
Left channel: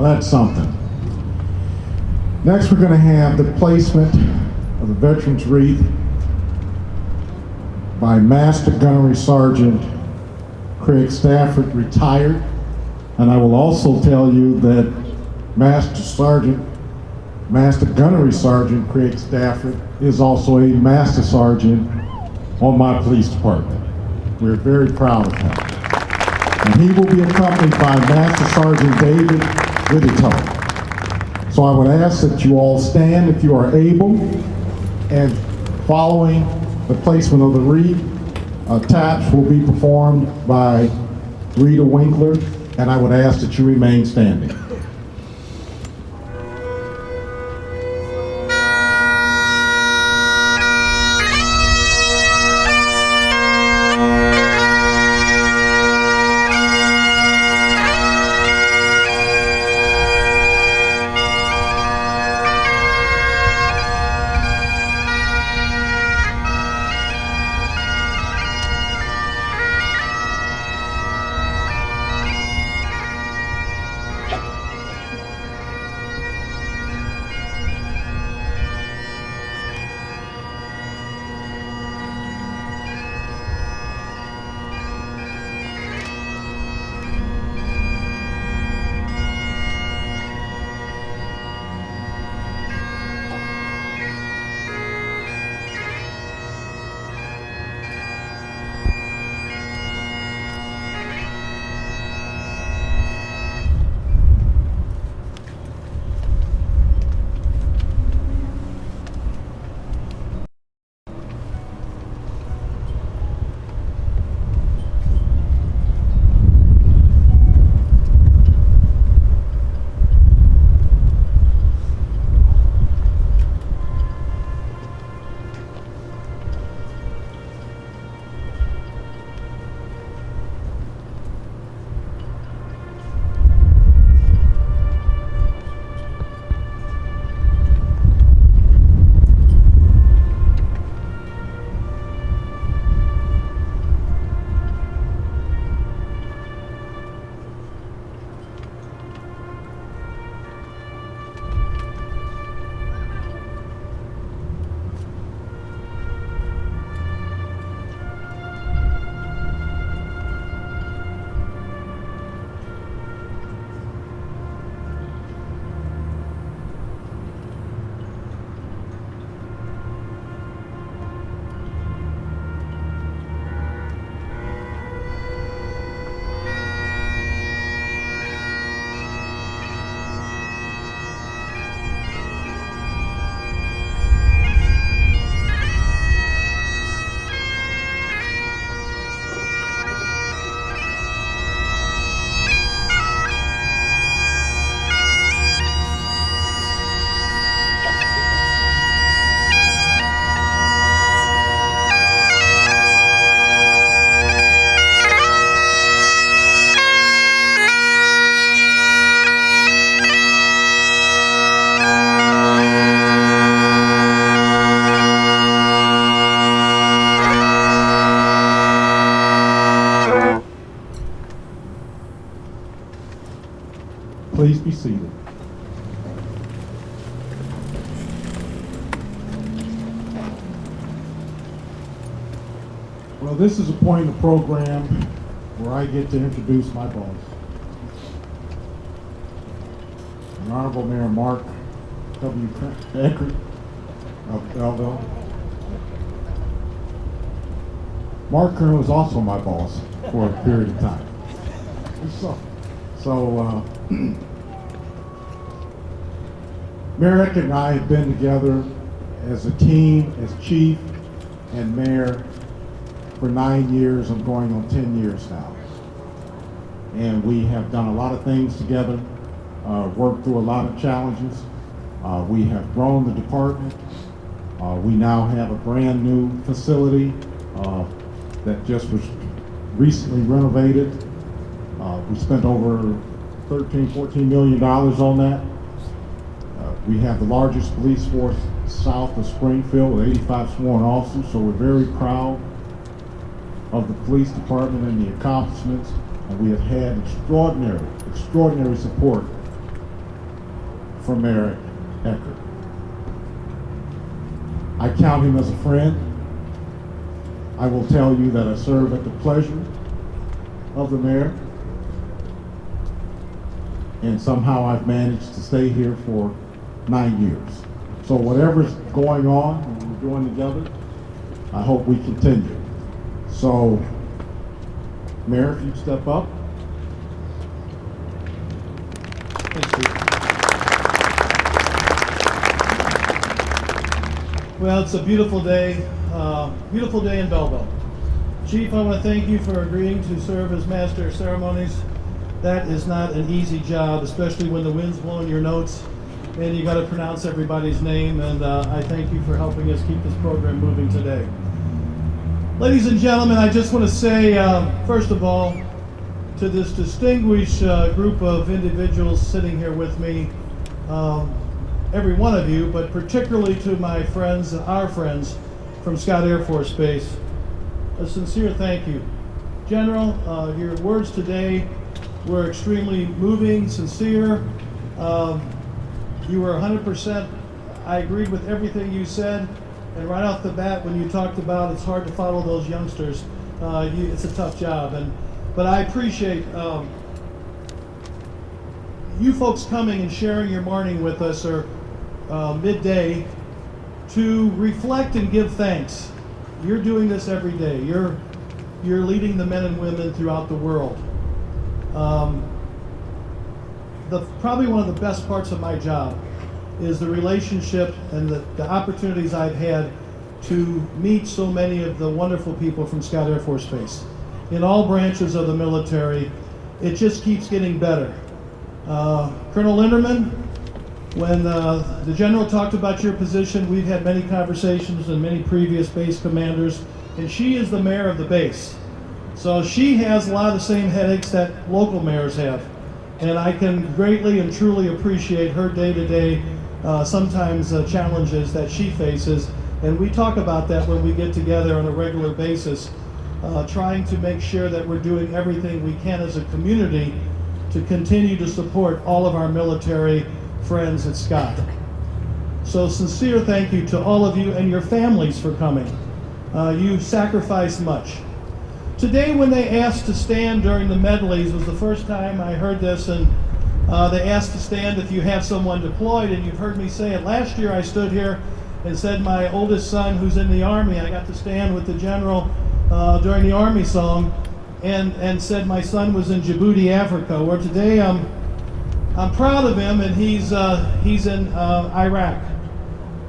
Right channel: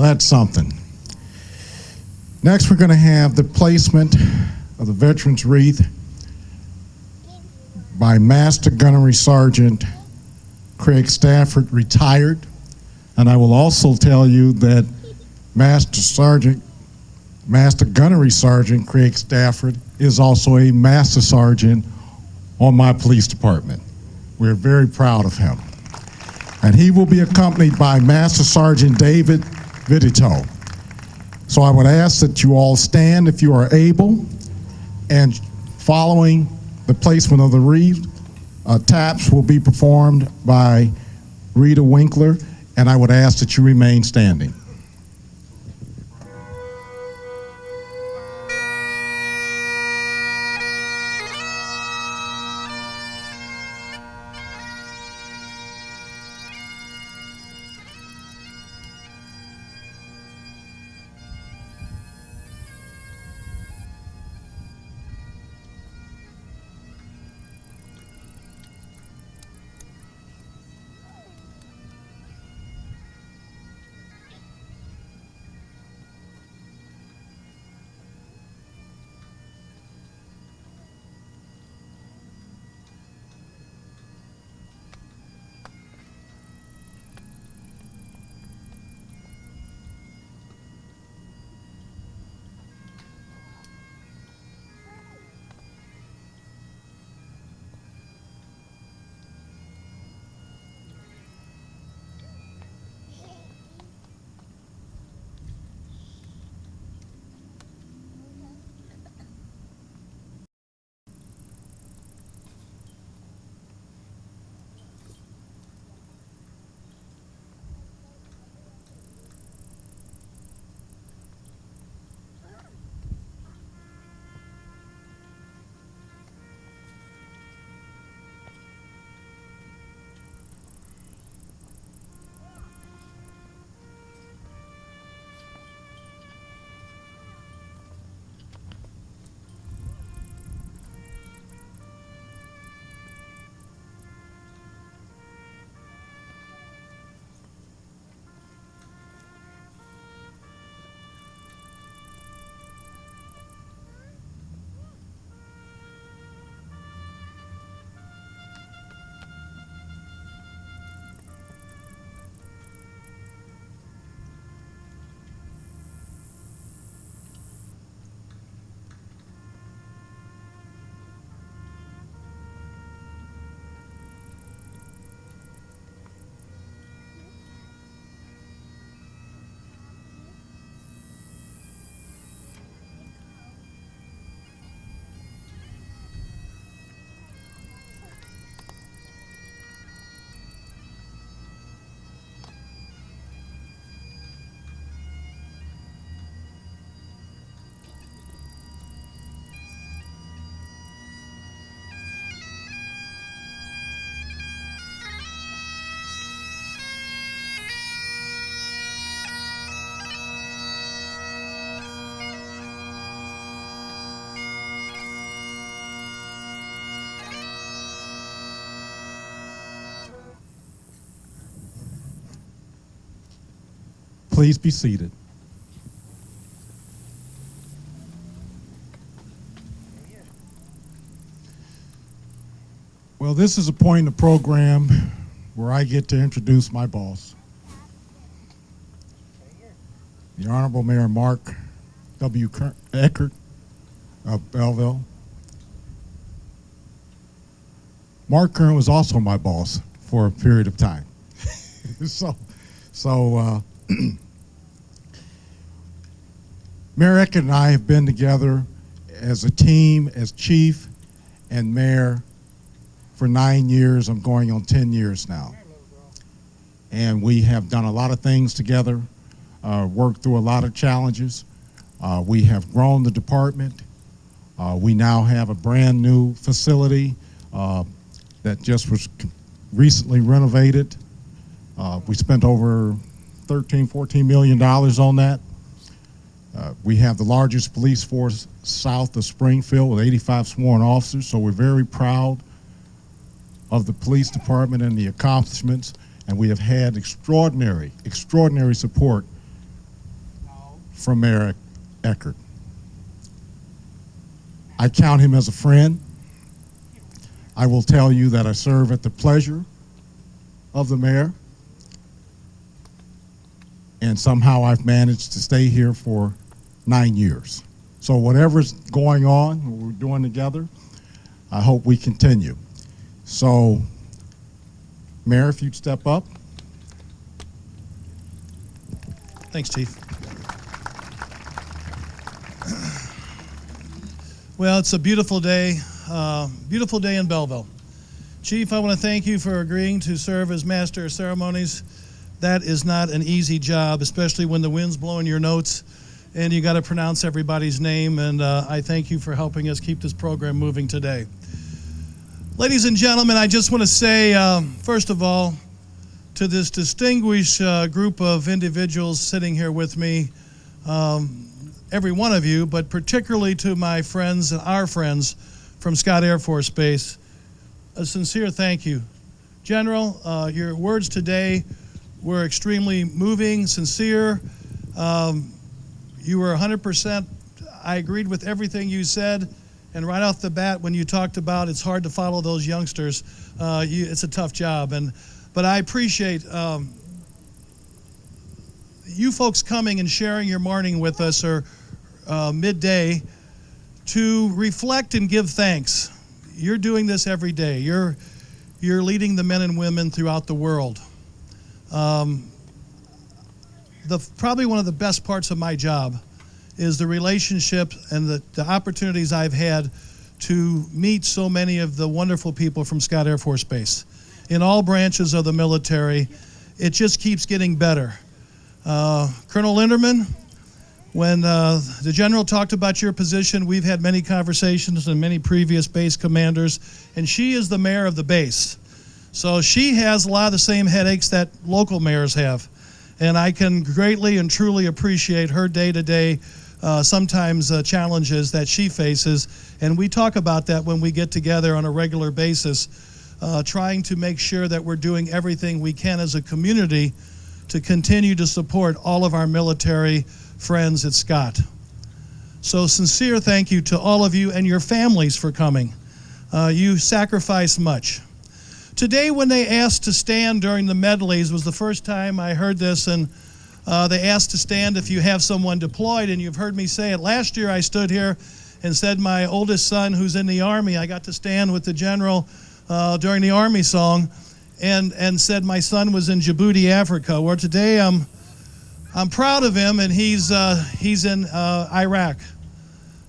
Well, that's something. Next, we're going to have the placement of the Veterans Wreath by Master Gunnery Sergeant Craig Stafford, retired. And I will also tell you that Master Gunnery Sergeant Craig Stafford is also a Master Sergeant on my police department. We're very proud of him. And he will be accompanied by Master Sergeant David Vidito. So I would ask that you all stand if you are able, and following the placement of the wreath, taps will be performed by Rita Winkler, and I would ask that you remain standing. Please be seated. Well, this is a point in the program where I get to introduce my boss, the Honorable Mayor Mark W. Eckert of Belleville. Mark Kern was also my boss for a period of time. So Mayor Eckert and I have been together as a team, as chief and mayor for 9 years. I'm going on 10 years now. And we have done a lot of things together, worked through a lot of challenges. We have grown the department. We now have a brand new facility that just was recently renovated. We spent over $14 million on that. We have the largest police force south of Springfield with 85 sworn officers, so we're very proud of the police department and the accomplishments, and we have had extraordinary support from Mayor Eckert. I count him as a friend. I will tell you that I serve at the pleasure of the mayor, and somehow I've managed to stay here for 9 years. So whatever's going on, what we're doing together, I hope we continue. So, Mayor, if you'd step up. Thanks, Chief. Well, it's a beautiful day in Belleville. Chief, I want to thank you for agreeing to serve as Master of Ceremonies. That is not an easy job, especially when the wind's blowing your notes and you got to pronounce everybody's name, and I thank you for helping us keep this program moving today. Ladies and gentlemen, I just want to say, first of all, to this distinguished group of individuals sitting here with me, every one of you, but particularly to my friends and our friends from Scott Air Force Base, a sincere thank you. General, your words today were extremely moving, sincere. You were 100%, I agreed with everything you said, and right off the bat when you talked about it's hard to follow those youngsters, it's a tough job. But I appreciate you folks coming and sharing your morning with us, or midday, to reflect and give thanks. You're doing this every day. You're leading the men and women throughout the world. Probably one of the best parts of my job is the relationship and the opportunities I've had to meet so many of the wonderful people from Scott Air Force Base. In all branches of the military, it just keeps getting better. Colonel Linderman, when the General talked about your position, we've had many conversations with many previous base commanders, and she is the mayor of the base. So she has a lot of the same headaches that local mayors have. And I can greatly and truly appreciate her day-to-day, sometimes challenges that she faces. And we talk about that when we get together on a regular basis, trying to make sure that we're doing everything we can as a community to continue to support all of our military friends at Scott. So sincere thank you to all of you and your families for coming. You sacrificed much. Today, when they asked to stand during the medleys, was the first time I heard this, and they asked to stand if you have someone deployed, and you've heard me say it. Last year I stood here and said my oldest son, who's in the Army, I got to stand with the General during the Army song, and said my son was in Djibouti, Africa, where today I'm proud of him, and he's in Iraq.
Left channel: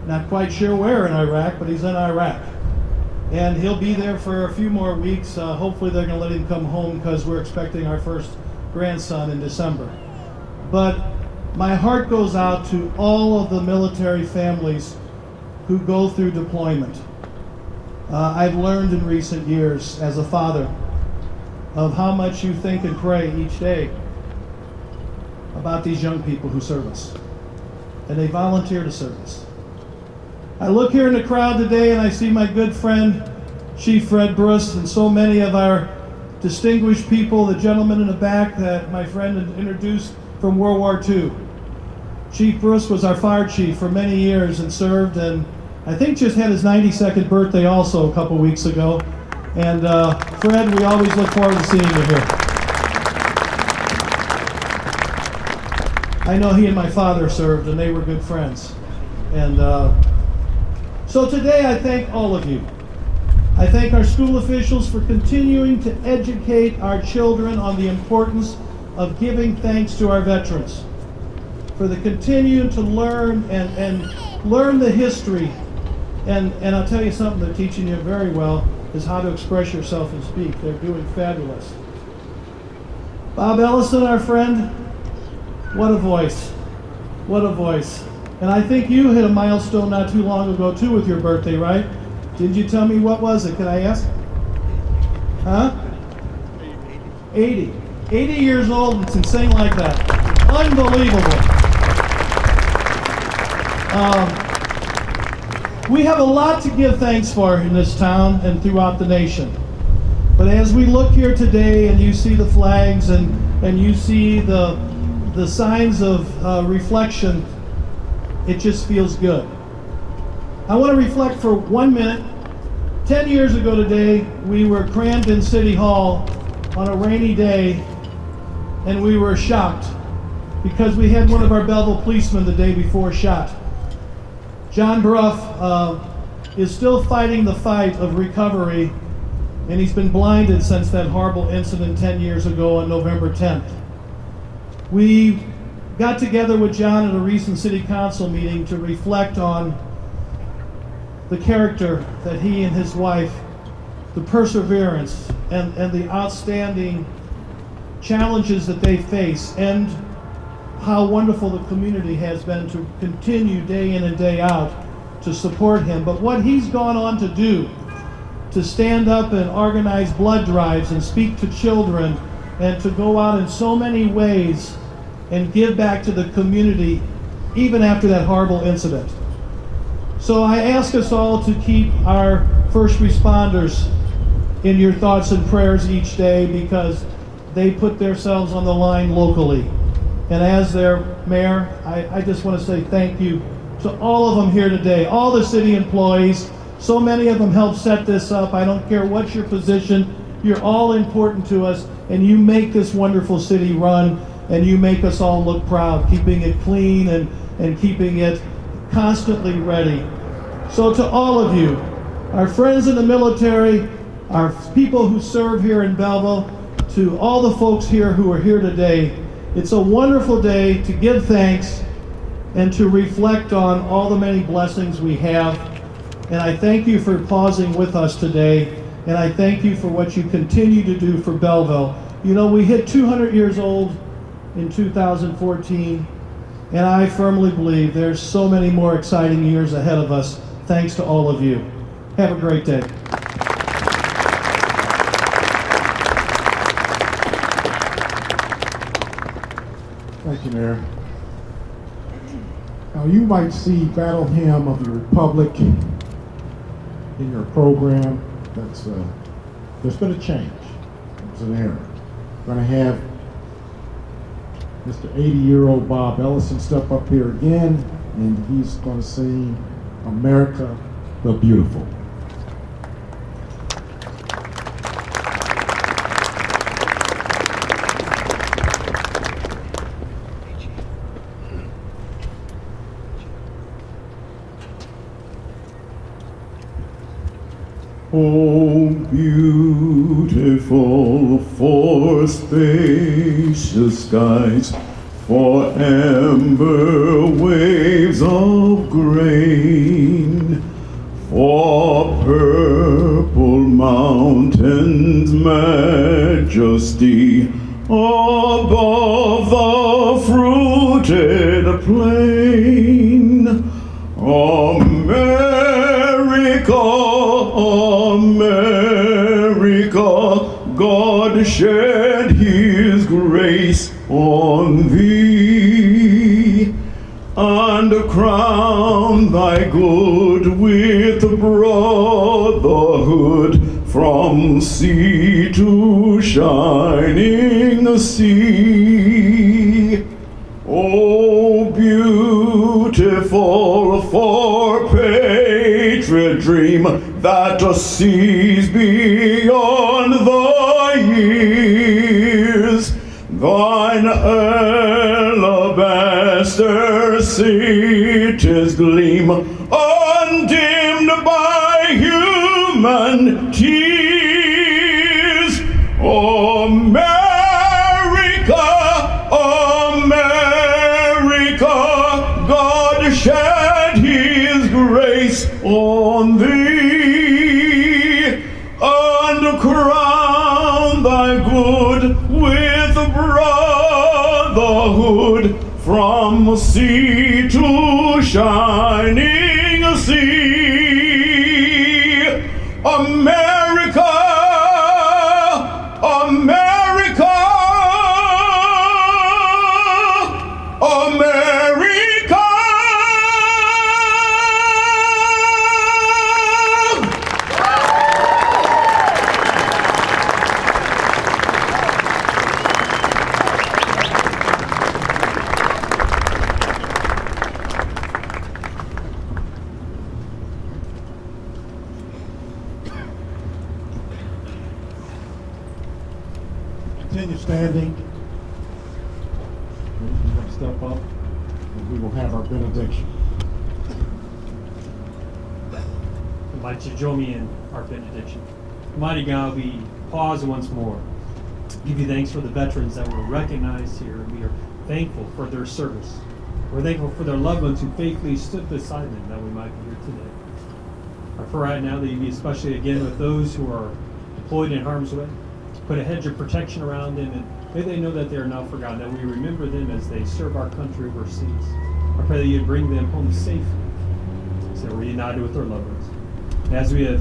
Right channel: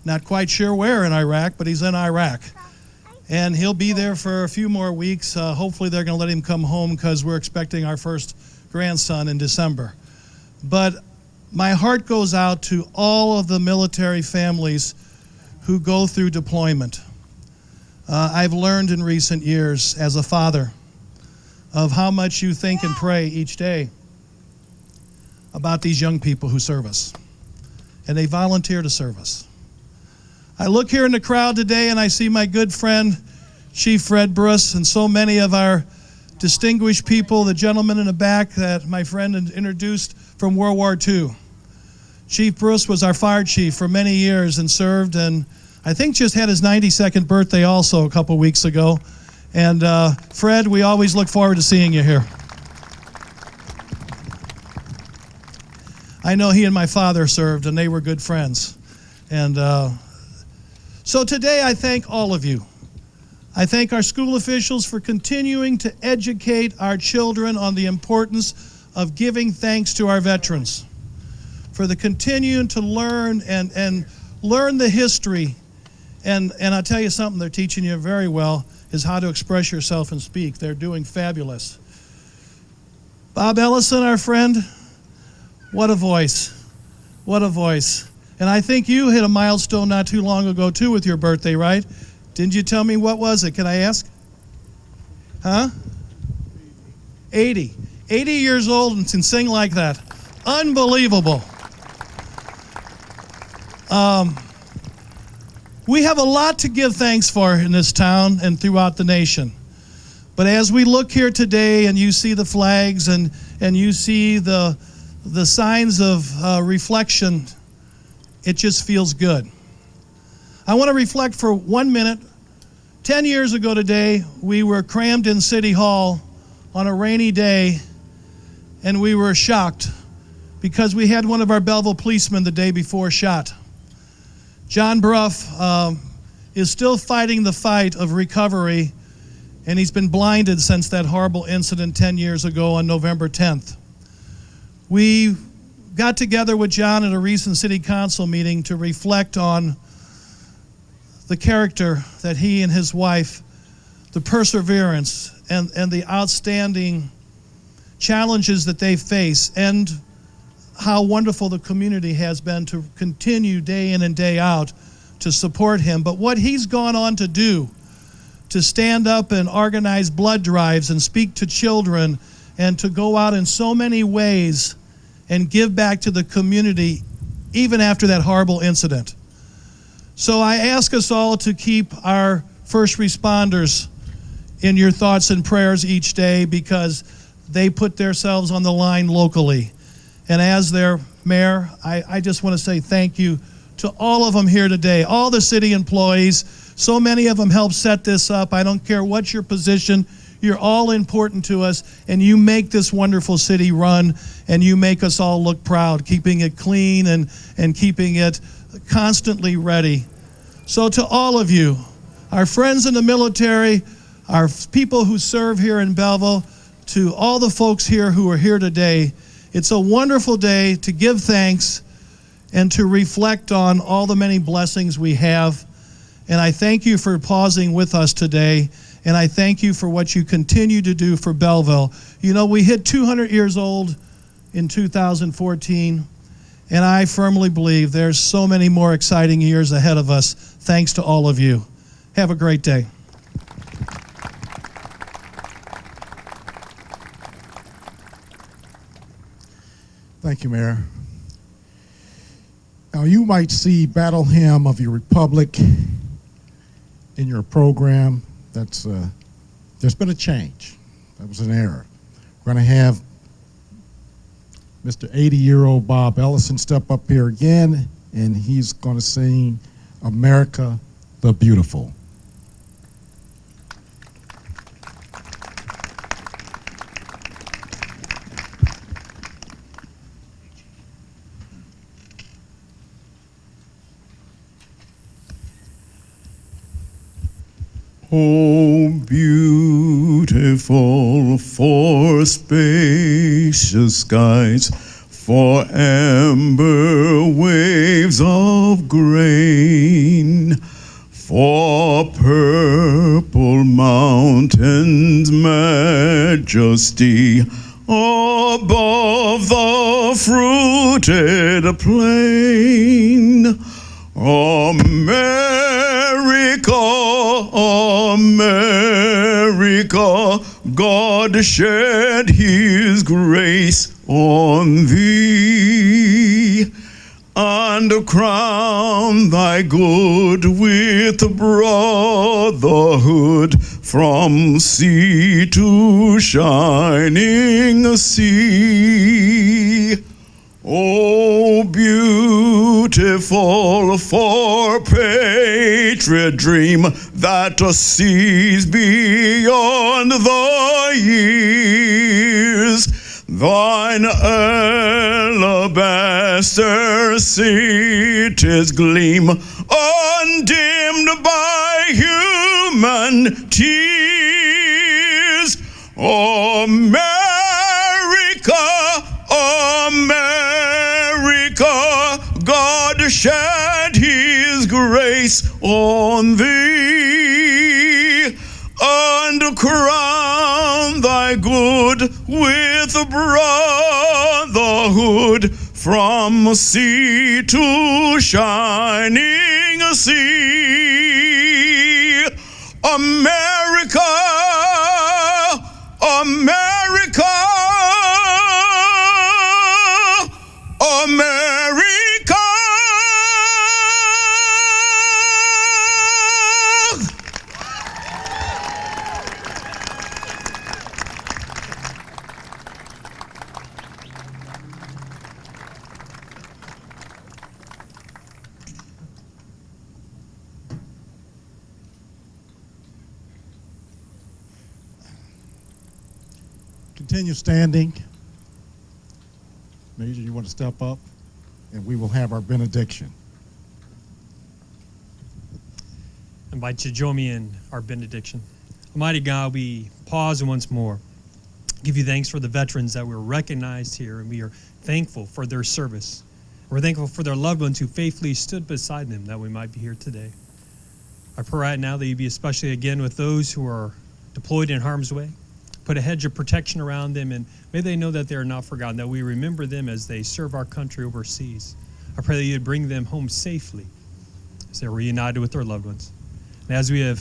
Not quite sure where in Iraq, but he's in Iraq. And he'll be there for a few more weeks. Hopefully they're going to let him come home because we're expecting our first grandson in December. But my heart goes out to all of the military families who go through deployment. I've learned in recent years as a father of how much you think and pray each day about these young people who serve us. And they volunteer to serve us. I look here in the crowd today and I see my good friend, Chief Fred Bruce, and so many of our distinguished people, the gentleman in the back that my friend had introduced from World War II. Chief Bruce was our fire chief for many years and served, and I think just had his 92nd birthday also a couple weeks ago. And Fred, we always look forward to seeing you here. I know he and my father served, and they were good friends. And so today I thank all of you. I thank our school officials for continuing to educate our children on the importance of giving thanks to our veterans, for the continuing to learn and learn the history. And I'll tell you something they're teaching you very well is how to express yourself and speak. They're doing fabulous. Bob Ellison, our friend, what a voice. What a voice. And I think you hit a milestone not too long ago too with your birthday, right? Didn't you tell me what was it? Can I ask? Huh? 80. 80 years old and can sing like that. Unbelievable. We have a lot to give thanks for in this town and throughout the nation. But as we look here today and you see the flags and you see the signs of reflection it just feels good. I want to reflect for 1 minute. 10 years ago today, we were crammed in City Hall on a rainy day, and we were shocked because we had one of our Belleville policemen the day before shot. John Bruff is still fighting the fight of recovery, and he's been blinded since that horrible incident 10 years ago on November 10th. We got together with John at a recent city council meeting to reflect on the character that he and his wife, the perseverance and the outstanding challenges that they face, and how wonderful the community has been to continue day in and day out to support him. But what he's gone on to do, to stand up and organize blood drives and speak to children and to go out in so many ways and give back to the community even after that horrible incident. So I ask us all to keep our first responders in your thoughts and prayers each day, because they put themselves on the line locally. And as their mayor, I just want to say thank you to all of them here today, all the city employees. So many of them helped set this up. I don't care what your position, you're all important to us, and you make this wonderful city run, and you make us all look proud, keeping it clean and keeping it constantly ready. So to all of you, our friends in the military, our people who serve here in Belleville, to all the folks here who are here today, it's a wonderful day to give thanks and to reflect on all the many blessings we have. And I thank you for pausing with us today, and I thank you for what you continue to do for Belleville. You know, we hit 200 years old in 2014, and I firmly believe there's so many more exciting years ahead of us, thanks to all of you. Have a great day. Thank you, Mayor. Now, you might see Battle Hymn of Your Republic in your program. There's been a change. There was an error. We're going to have Mr. 80-year-old Bob Ellison step up here again, and he's going to sing America the Beautiful. Oh, beautiful for spacious skies, for amber waves of grain, for purple mountains' majesty above the fruited plain. America, America, God shed his grace on thee, and crown thy good with brotherhood from sea to shining sea. Oh, beautiful for patriot dream that sees beyond the years. Thine alabaster cities gleam, undimmed by human tears. America, America, God shed his grace on thee, and crown thy good with brotherhood from sea to shining sea. America, America, America. Continue standing. Maybe you want to step up, and we will have our benediction. Invite you to join me in our benediction. Mighty God, we pause once more. Give you thanks for the veterans that were recognized here. We are thankful for their service. We're thankful for their loved ones who faithfully stood beside them that we might be here today. I pray right now that you be especially again with those who are deployed in harm's way. Put a hedge of protection around them, and may they know that they are not forgotten, that we remember them as they serve our country overseas. I pray that you'd bring them home safely as they're reunited with their loved ones. And as we have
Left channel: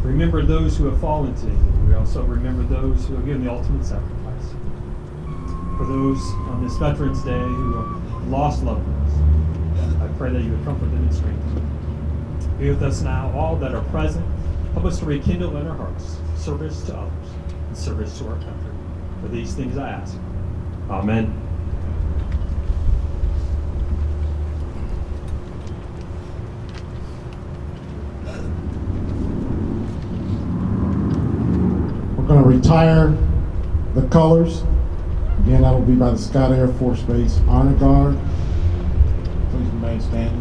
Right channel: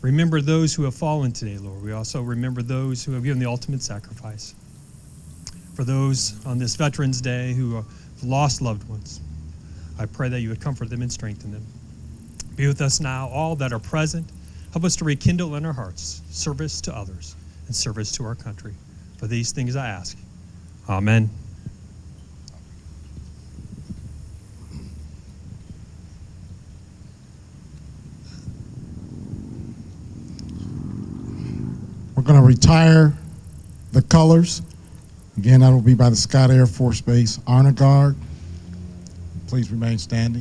remembered those who have fallen today, Lord, we also remember those who have given the ultimate sacrifice. For those on this Veterans Day who have lost loved ones, I pray that you would comfort them and strengthen them. Be with us now, all that are present. Help us to rekindle in our hearts service to others and service to our country. For these things I ask. Amen. We're going to retire the colors. Again, that'll be by the Scott Air Force Base Honor Guard. Please remain standing.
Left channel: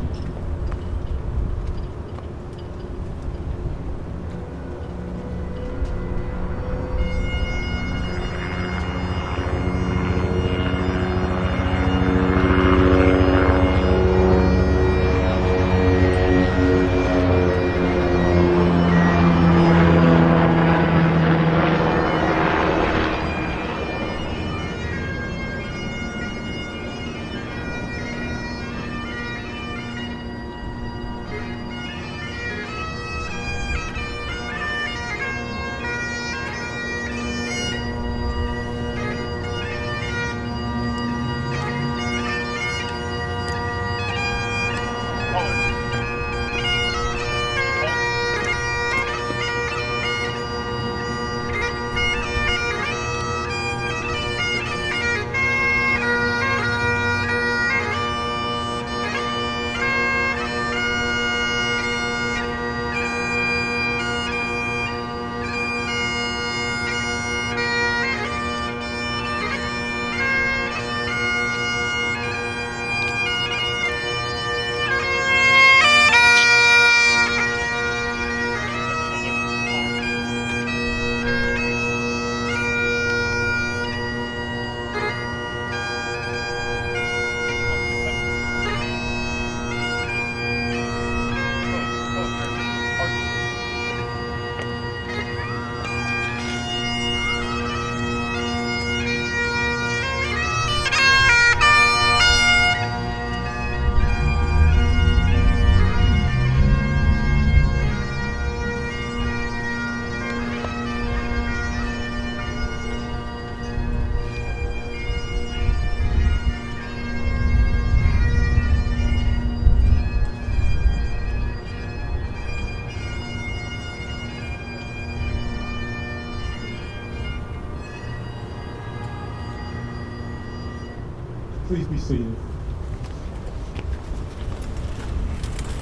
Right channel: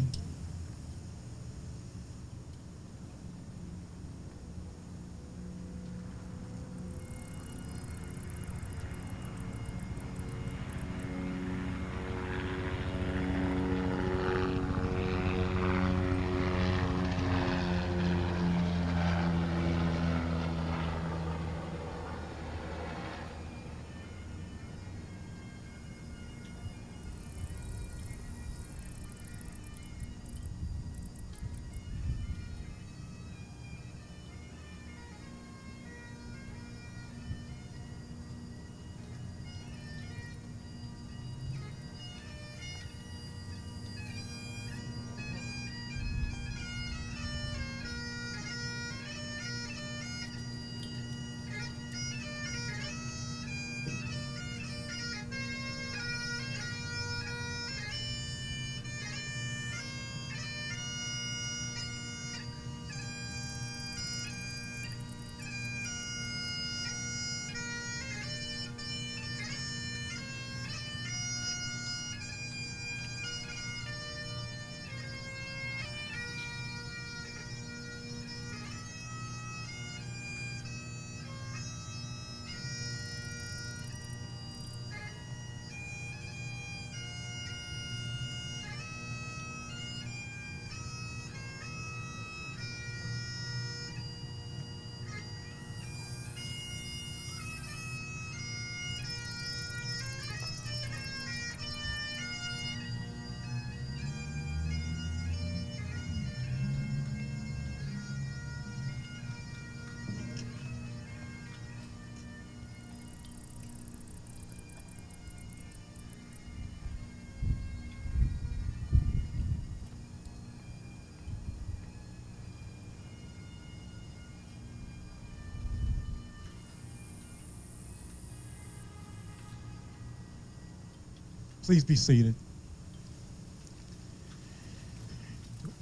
Please be seated.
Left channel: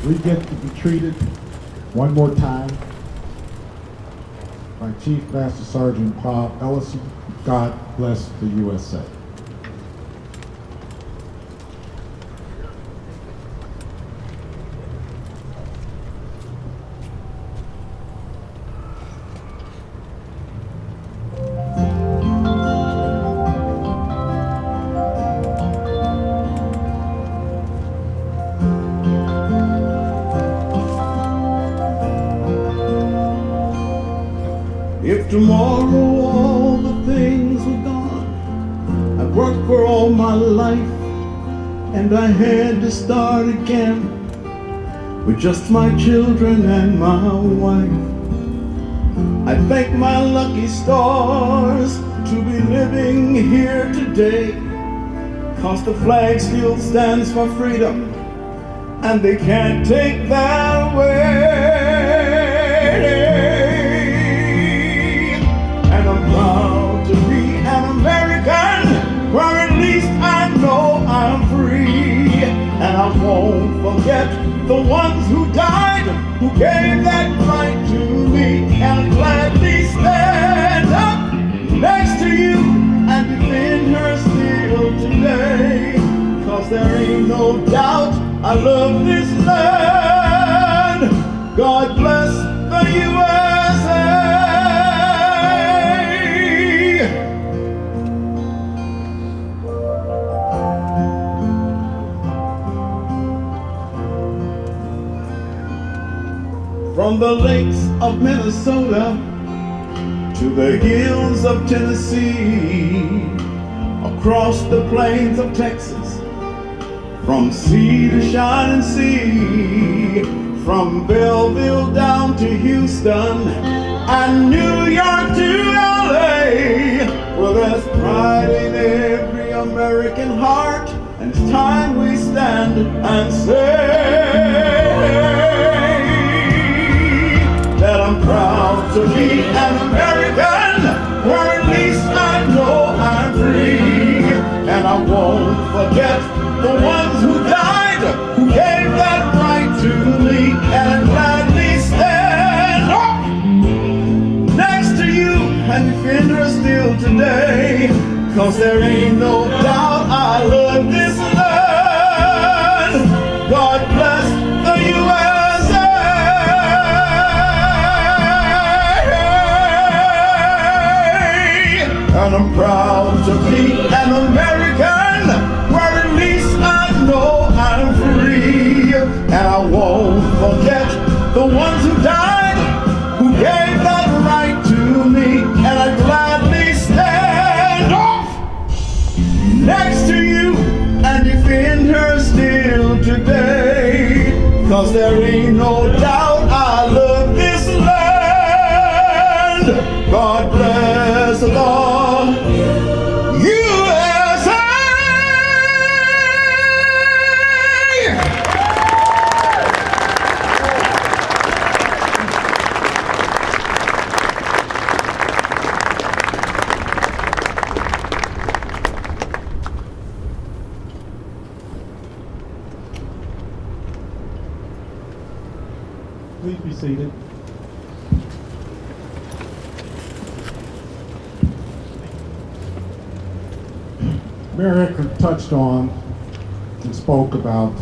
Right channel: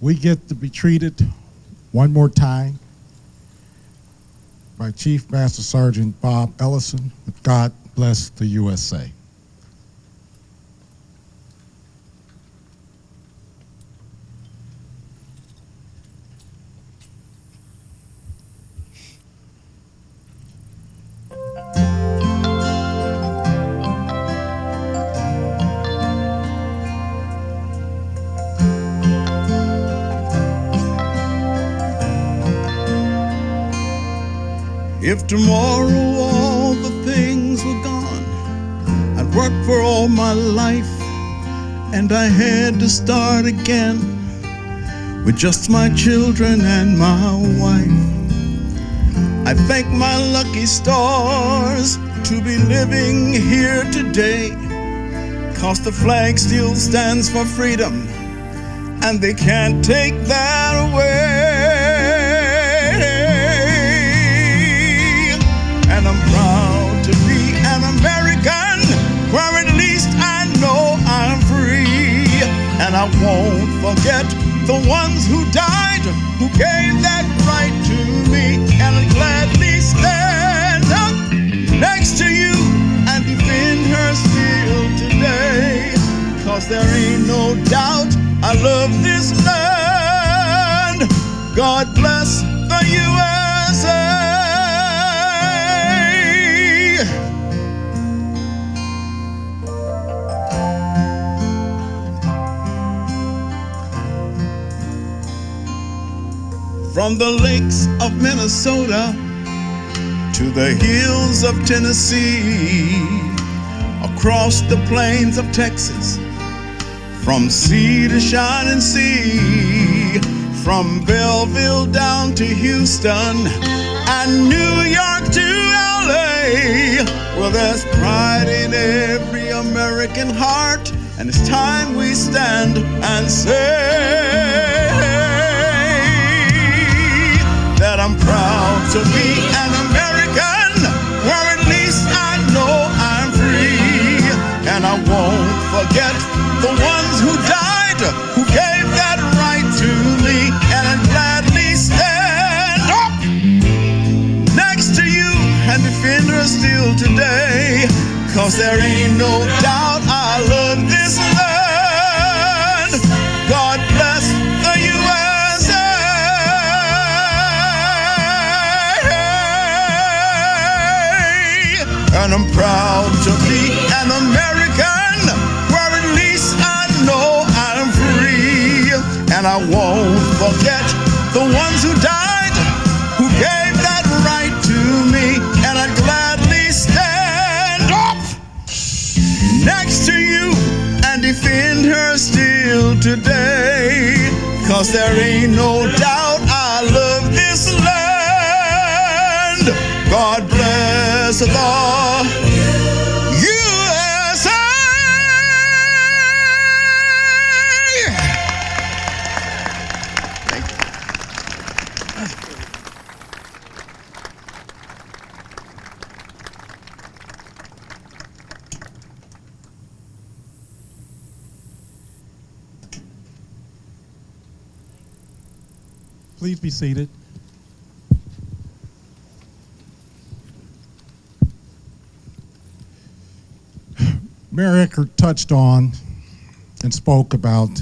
We get to be treated one more time by Chief Master Sergeant Bob Ellison. God bless the USA. If tomorrow all the things were gone, I'd worked for all my life, and I had to start again with just my children and my wife. I thank my lucky stars to be living here today, 'cause the flag still stands for freedom, and they can't take that away. And I'm proud to be an American, where at least I know I'm free. And I won't forget the ones who died, who gave that right to me, and gladly stand up next to you and defend her still today. 'Cause there ain't no doubt I love this land. God bless the USA. From the lakes of Minnesota to the hills of Tennessee, across the plains of Texas, from sea to shining sea, from Belleville down to Houston and New York to LA. Well, there's pride in every American heart, and it's time we stand and say that I'm proud to be an American, where at least I know I'm free. And I won't forget the ones who died, who gave that right to me, and I gladly stand up next to you and defend her still today. 'Cause there ain't no doubt I love this land. God bless the USA. And I'm proud to be an American, where at least I know I'm free. And I won't forget the ones who died, who gave that right to me, and I'd gladly stand up next to you and defend her still today. 'Cause there ain't no doubt I love this land. God bless the USA. Please be seated. Mayor Eckert touched on and spoke about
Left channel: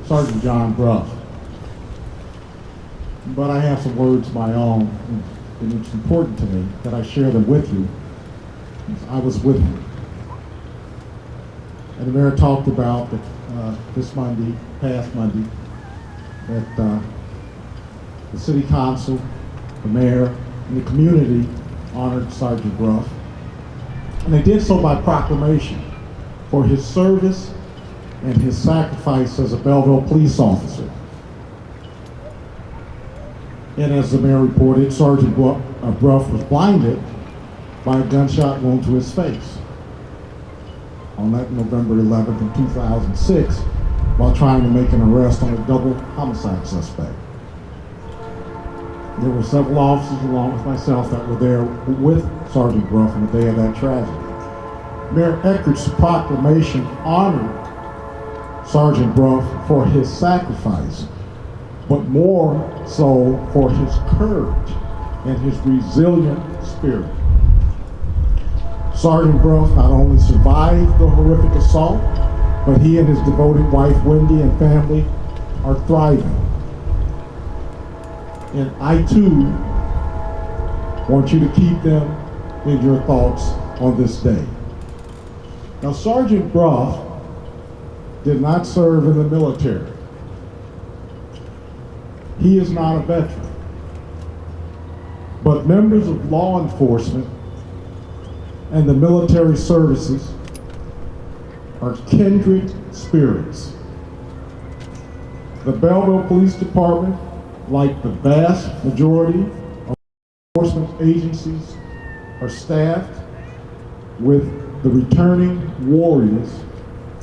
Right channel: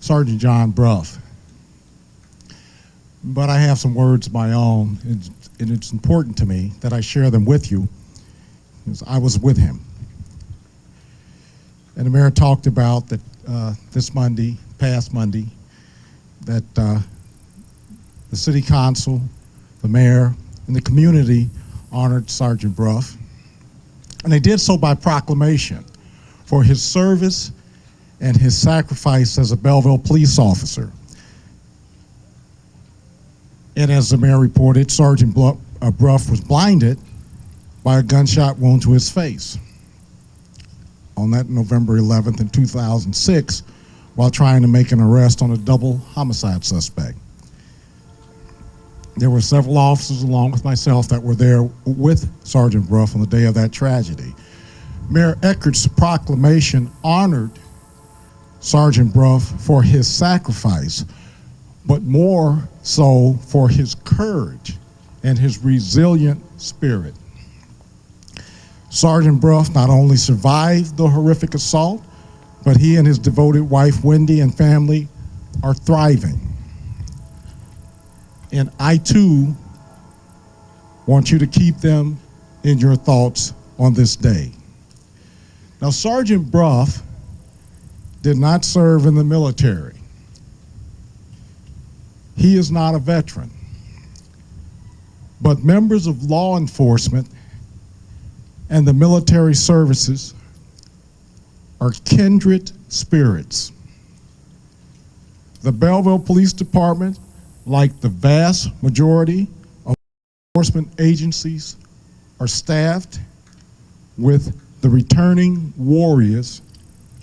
Sergeant John Bruff. But I have some words of my own, and it's important to me that I share them with you, because I was with him. And the mayor talked about that this Monday, past Monday, that the city council, the mayor, and the community honored Sergeant Bruff. And they did so by proclamation for his service and his sacrifice as a Belleville police officer. And as the mayor reported, Sergeant Bruff was blinded by a gunshot wound to his face on that November 11th in 2006 while trying to make an arrest on a double homicide suspect. There were several officers along with myself that were there with Sergeant Bruff on the day of that tragedy. Mayor Eckert's proclamation honored Sergeant Bruff for his sacrifice, but more so for his courage and his resilient spirit. Sergeant Bruff not only survived the horrific assault, but he and his devoted wife, Wendy, and family are thriving. And I too want you to keep them in your thoughts on this day. Now, Sergeant Bruff did not serve in the military. He is not a veteran. But members of law enforcement and the military services are kindred spirits. The Belleville Police Department, like the vast majority of enforcement agencies, are staffed with the returning warriors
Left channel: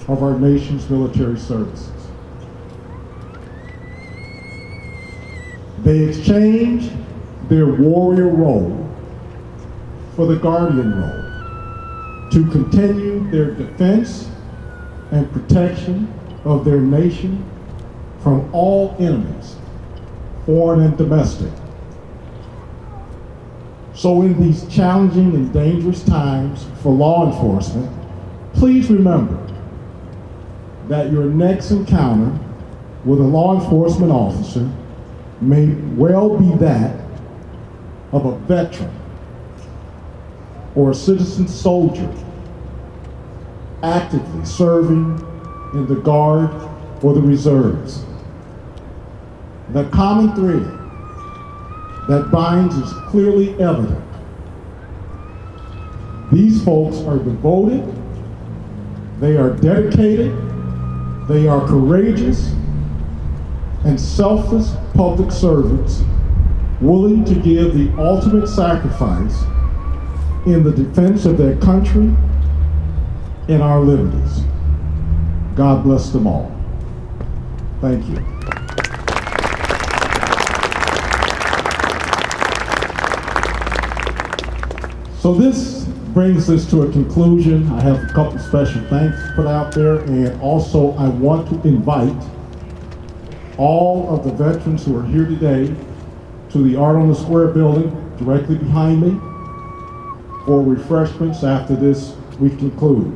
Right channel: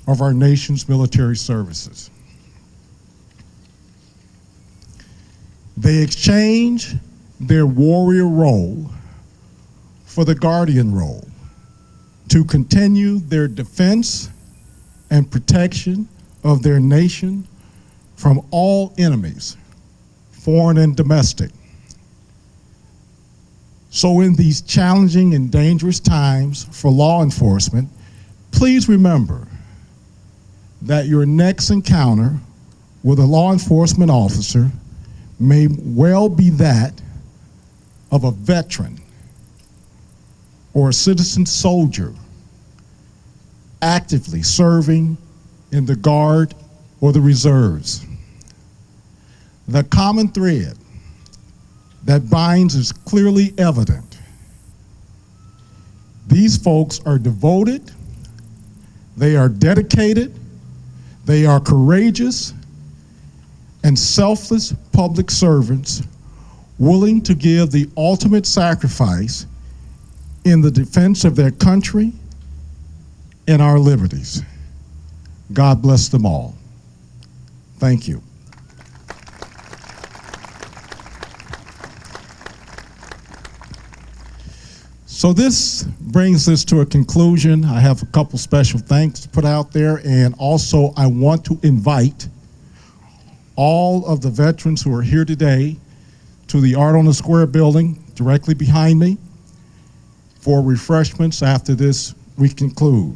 of our nation's military services. They exchange their warrior role for the guardian role to continue their defense and protection of their nation from all enemies, foreign and domestic. So in these challenging and dangerous times for law enforcement, please remember that your next encounter with a law enforcement officer may well be that of a veteran or a citizen soldier actively serving in the Guard or the Reserves. The common thread that binds is clearly evident. These folks are devoted, they are dedicated, they are courageous, and selfless public servants willing to give the ultimate sacrifice in the defense of their country and our liberties. God bless them all. Thank you. So this brings us to a conclusion. I have a couple special thanks to put out there, and also I want to invite all of the veterans who are here today to the Art on the Square building directly behind me for refreshments after this we conclude.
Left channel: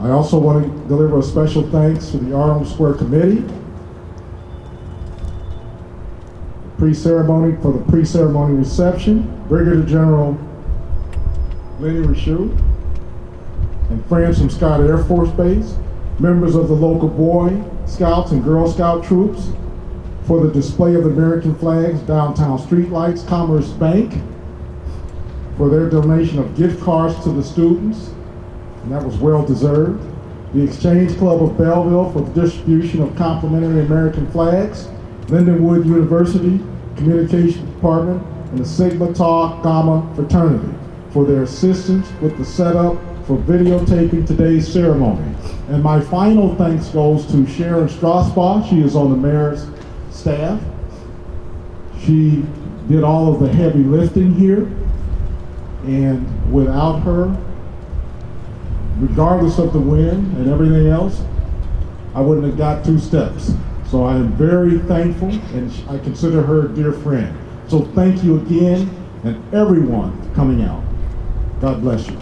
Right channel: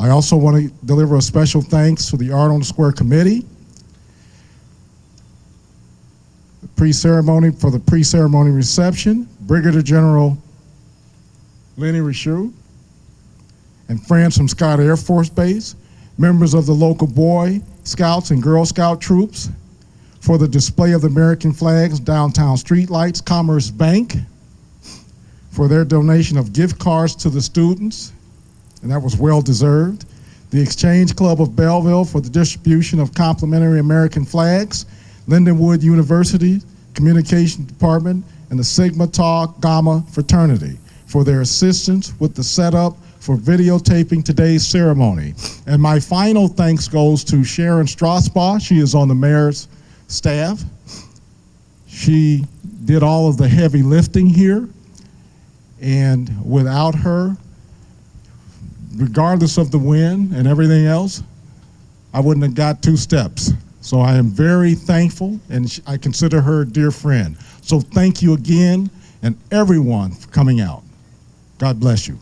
I also want to deliver a special thanks to the Art on the Square committee, for the pre-ceremony reception, Brigadier General Lenny Richoux, and friends from Scott Air Force Base, members of the local Boy Scouts and Girl Scout troops, for the display of the American flags, downtown streetlights, Commerce Bank, for their donation of gift cards to the students, and that was well deserved. The Exchange Club of Belleville for the distribution of complimentary American flags, Lindenwood University Communication Department, and the Sigma Tau Gamma Fraternity for their assistance with the setup for videotaping today's ceremony. And my final thanks goes to Sharon Strasbaugh. She is on the mayor's staff. She did all of the heavy lifting here, and without her, regardless of the wind and everything else, I wouldn't have got 2 steps. So I am very thankful, and I consider her a dear friend. So thank you again, and everyone for coming out. God bless you.